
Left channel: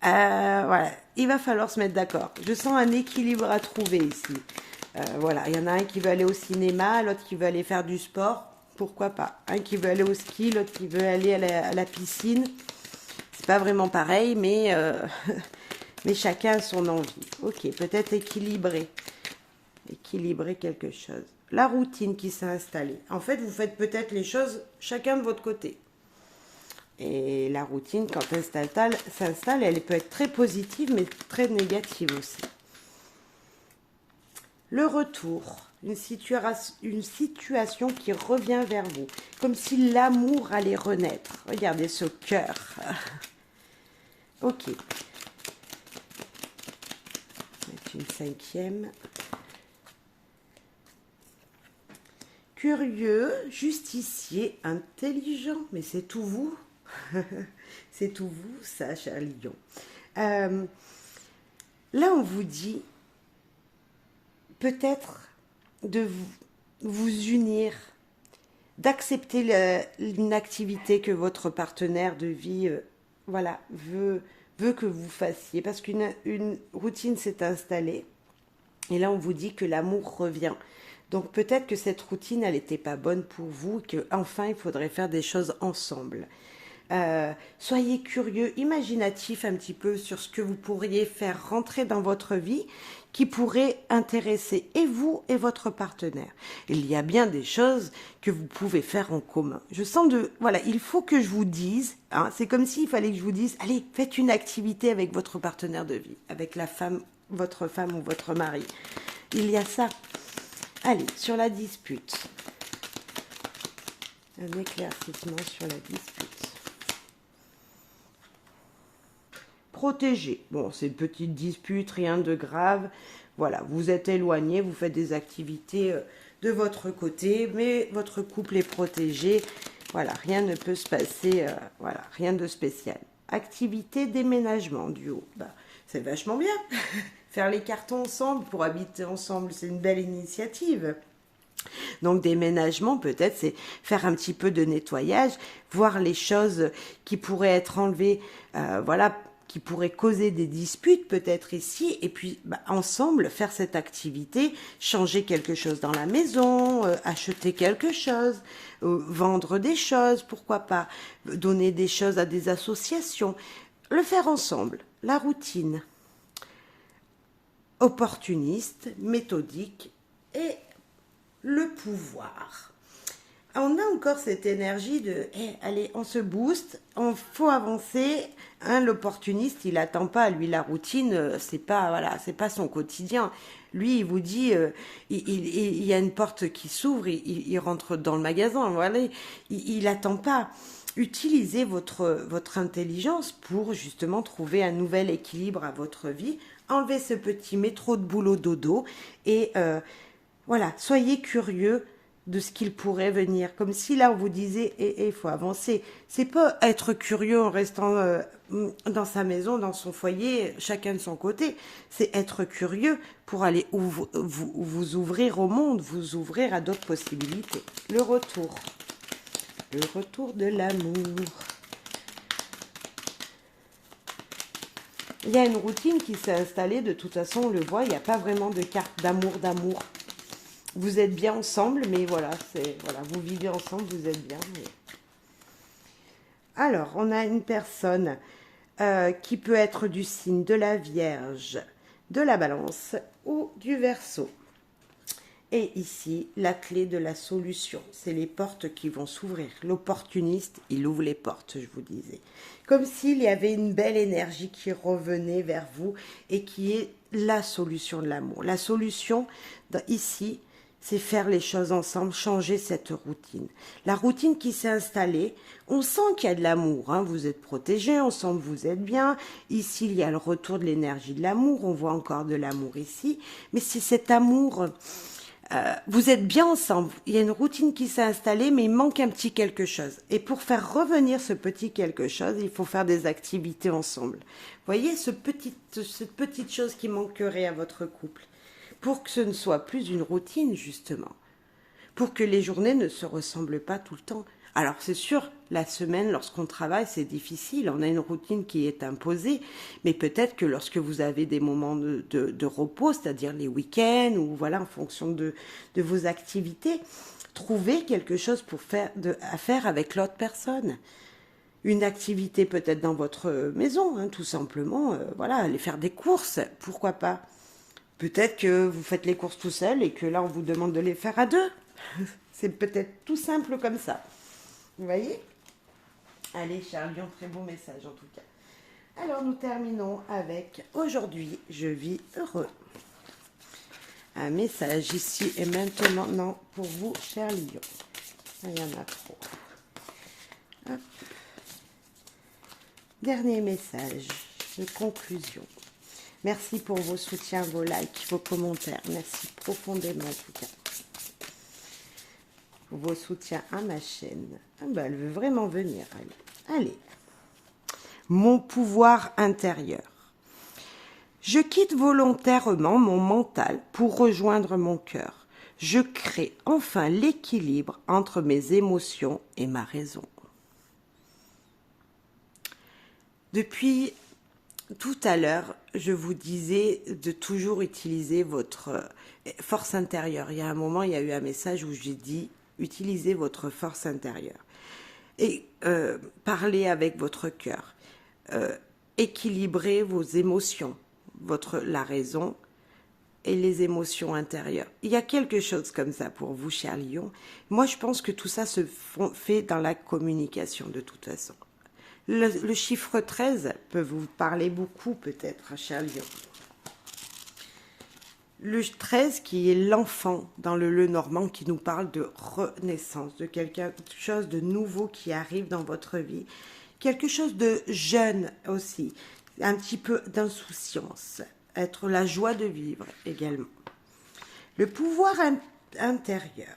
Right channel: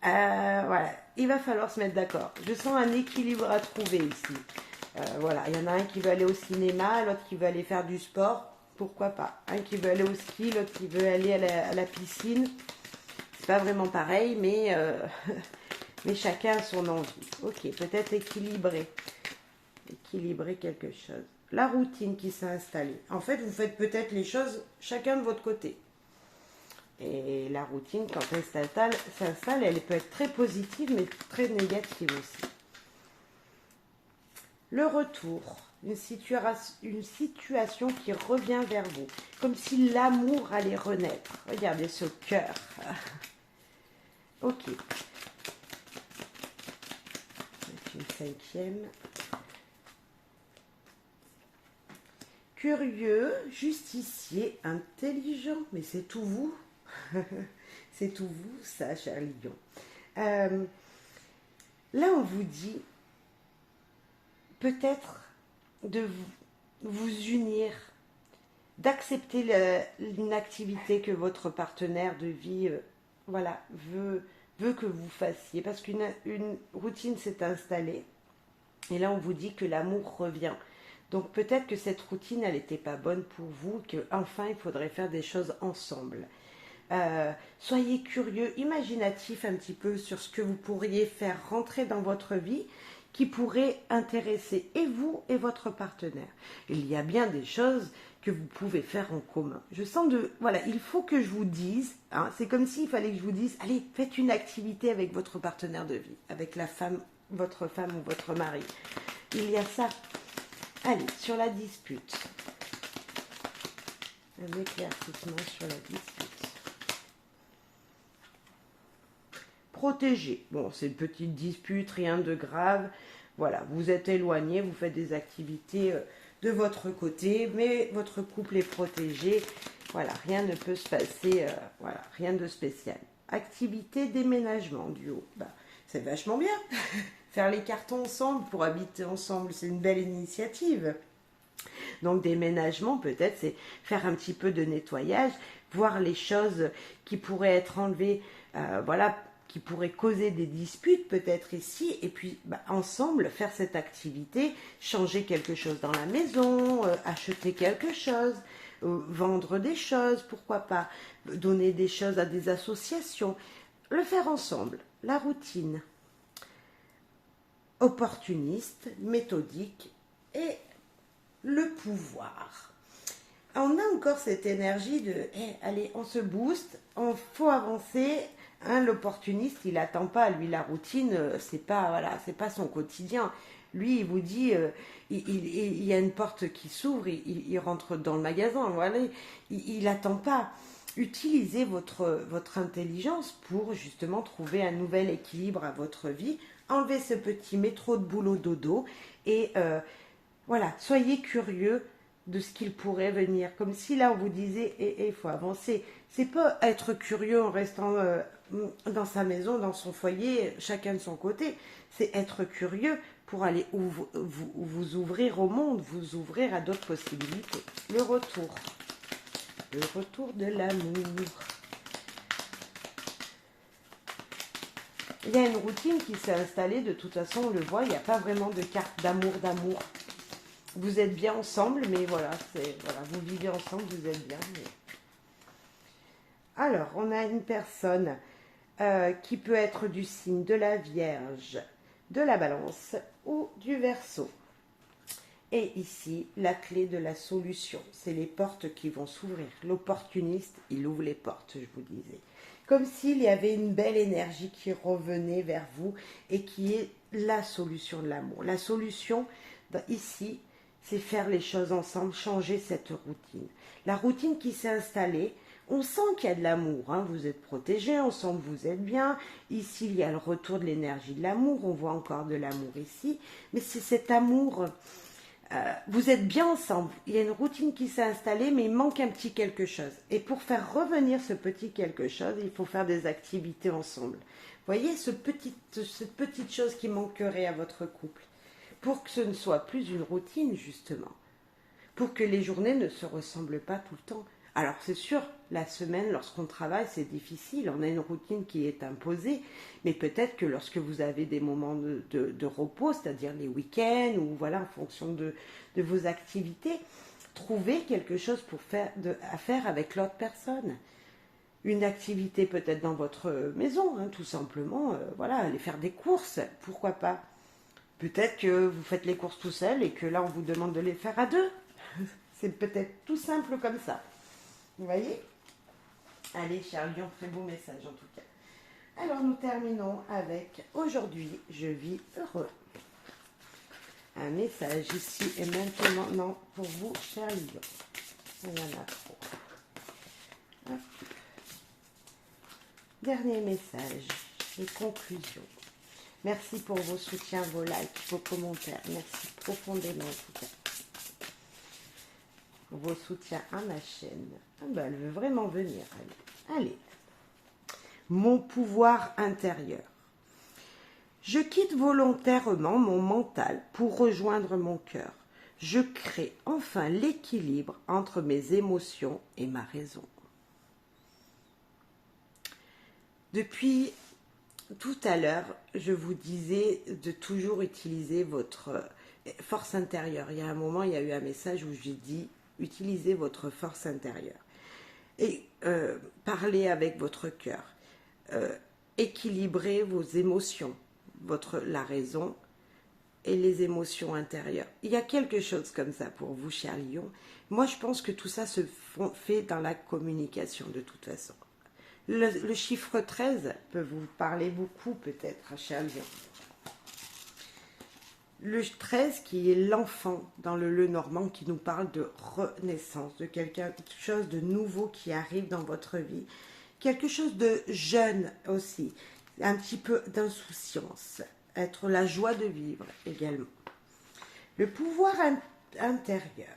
Voilà, il va falloir se mettre d'accord. Je sens un équilibre à trouver ici. Voilà, il y en a un qui veut aller au cinéma, l'autre qui veut aller faire du sport. Pourquoi pas? Un qui veut aller au ski, l'autre qui veut aller à la piscine. C'est pas vraiment pareil, mais, mais chacun a son envie. Ok, peut-être équilibrer. Équilibrer quelque chose. La routine qui s'est installée. En fait, vous faites peut-être les choses chacun de votre côté. Et la routine, quand elle s'installe, elle peut être très positive, mais très négative aussi. Le retour, une situation qui revient vers vous, comme si l'amour allait renaître. Regardez ce cœur. Ok. Une cinquième. Curieux, justicier, intelligent, mais c'est tout vous. C'est tout vous, ça, cher lion. Là, on vous dit peut-être de vous unir, d'accepter une activité que votre partenaire de vie voilà, veut que vous fassiez, parce qu'une routine s'est installée, et là, on vous dit que l'amour revient. Donc peut-être que cette routine, elle n'était pas bonne pour vous, qu'enfin, il faudrait faire des choses ensemble. Soyez curieux, imaginatif un petit peu sur ce que vous pourriez faire rentrer dans votre vie qui pourrait intéresser et vous et votre partenaire. Il y a bien des choses que vous pouvez faire en commun. Je sens voilà, il faut que je vous dise, hein, c'est comme s'il fallait que je vous dise, allez, faites une activité avec votre partenaire de vie, avec votre femme ou votre mari. Il y a ça. Allez, sur la dispute. Un éclaircissement sur la dispute. Protégé. Bon, c'est une petite dispute, rien de grave. Voilà, vous êtes éloigné, vous faites des activités de votre côté, mais votre couple est protégé. Voilà, rien ne peut se passer, voilà, rien de spécial. Activité déménagement duo. Bah, C'est vachement bien. Faire les cartons ensemble pour habiter ensemble, c'est une belle initiative. Donc déménagement, peut-être, c'est faire un petit peu de nettoyage, voir les choses qui pourraient être enlevées, voilà, qui pourraient causer des disputes peut-être ici, et puis ensemble faire cette activité, changer quelque chose dans la maison, acheter quelque chose, vendre des choses, pourquoi pas, donner des choses à des associations, le faire ensemble, la routine, opportuniste, méthodique et le pouvoir. On a encore cette énergie de allez, on se booste, on faut avancer. Hein, l'opportuniste, il attend pas, lui la routine, c'est pas voilà, c'est pas son quotidien. Lui, il vous dit, il y a une porte qui s'ouvre, il rentre dans le magasin. Voilà, il attend pas. Utilisez votre intelligence pour justement trouver un nouvel équilibre à votre vie. Enlevez ce petit métro de boulot dodo et voilà, soyez curieux de ce qu'il pourrait venir. Comme si là, on vous disait, il faut avancer. C'est pas être curieux en restant dans sa maison, dans son foyer, chacun de son côté. C'est être curieux pour aller vous ouvrir au monde, vous ouvrir à d'autres possibilités. Le retour. Le retour de l'amour. Il y a une routine qui s'est installée, de toute façon, on le voit, il n'y a pas vraiment de carte d'amour. Vous êtes bien ensemble, mais voilà, vous vivez ensemble, vous êtes bien. Mais... Alors, on a une personne qui peut être du signe de la Vierge, de la Balance ou du Verseau. Et ici, la clé de la solution, c'est les portes qui vont s'ouvrir. L'opportuniste, il ouvre les portes, je vous disais. Comme s'il y avait une belle énergie qui revenait vers vous et qui est la solution de l'amour. La solution, ici, c'est faire les choses ensemble, changer cette routine. La routine qui s'est installée, on sent qu'il y a de l'amour, hein, vous êtes protégés, on sent que vous êtes bien. Ici, il y a le retour de l'énergie de l'amour, on voit encore de l'amour ici. Mais c'est cet amour, vous êtes bien ensemble. Il y a une routine qui s'est installée, mais il manque un petit quelque chose. Et pour faire revenir ce petit quelque chose, il faut faire des activités ensemble. Vous voyez, cette petite chose qui manquerait à votre couple, pour que ce ne soit plus une routine, justement. Pour que les journées ne se ressemblent pas tout le temps. Alors, c'est sûr, la semaine, lorsqu'on travaille, c'est difficile. On a une routine qui est imposée. Mais peut-être que lorsque vous avez des moments de repos, c'est-à-dire les week-ends, ou voilà, en fonction de vos activités, trouvez quelque chose à faire avec l'autre personne. Une activité peut-être dans votre maison, hein, tout simplement. Voilà, aller faire des courses, pourquoi pas. Peut-être que vous faites les courses tout seul et que là, on vous demande de les faire à deux. C'est peut-être tout simple comme ça. Vous voyez? Allez, Charles Lion, très bon message en tout cas. Alors, nous terminons avec « Aujourd'hui, je vis heureux ». Un message ici et maintenant, non, pour vous, cher Lion. Il y en a trop. Hop. Dernier message de conclusion. Merci pour vos soutiens, vos likes, vos commentaires. Merci profondément en tout cas. Vos soutiens à ma chaîne. Ah ben, elle veut vraiment venir. Allez. Mon pouvoir intérieur. Je quitte volontairement mon mental pour rejoindre mon cœur. Je crée enfin l'équilibre entre mes émotions et ma raison. Depuis tout à l'heure, je vous disais de toujours utiliser votre force intérieure. Il y a un moment, il y a eu un message où j'ai dit utilisez votre force intérieure. Et parlez avec votre cœur. Équilibrez vos émotions, la raison et les émotions intérieures. Il y a quelque chose comme ça pour vous, cher Lion. Moi, je pense que tout ça se fait dans la communication de toute façon. Le chiffre 13 peut vous parler beaucoup peut-être, cher Lion. Le 13 qui est l'enfant dans le Normand qui nous parle de renaissance, de quelque chose de nouveau qui arrive dans votre vie. Quelque chose de jeune aussi, un petit peu d'insouciance, être la joie de vivre également. Le pouvoir intérieur.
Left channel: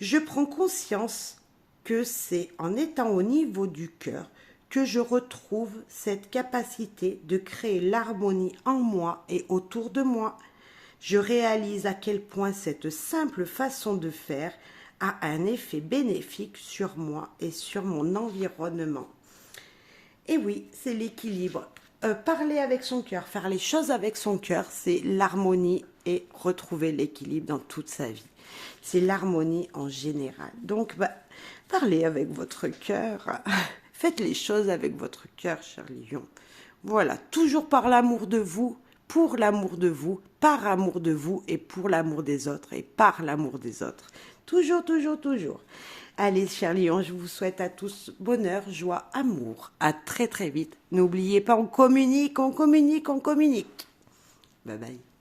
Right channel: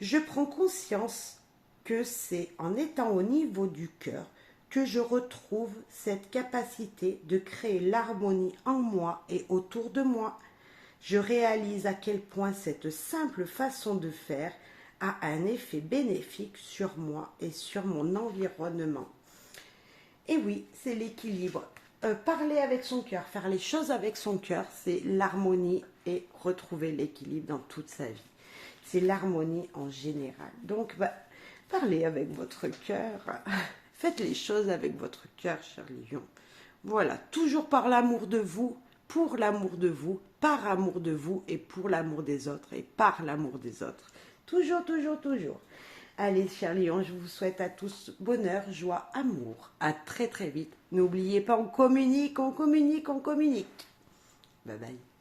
Je prends conscience que c'est en étant au niveau du cœur que je retrouve cette capacité de créer l'harmonie en moi et autour de moi. Je réalise à quel point cette simple façon de faire a un effet bénéfique sur moi et sur mon environnement. Et oui, c'est l'équilibre. Parler avec son cœur, faire les choses avec son cœur, c'est l'harmonie et retrouver l'équilibre dans toute sa vie. C'est l'harmonie en général. Donc, parlez avec votre cœur. Faites les choses avec votre cœur, cher lion. Voilà, toujours par l'amour de vous, pour l'amour de vous, par amour de vous et pour l'amour des autres et par l'amour des autres. Toujours, toujours, toujours. Allez, chers lions, je vous souhaite à tous bonheur, joie, amour. À très, très vite. N'oubliez pas, on communique, on communique, on communique. Bye bye.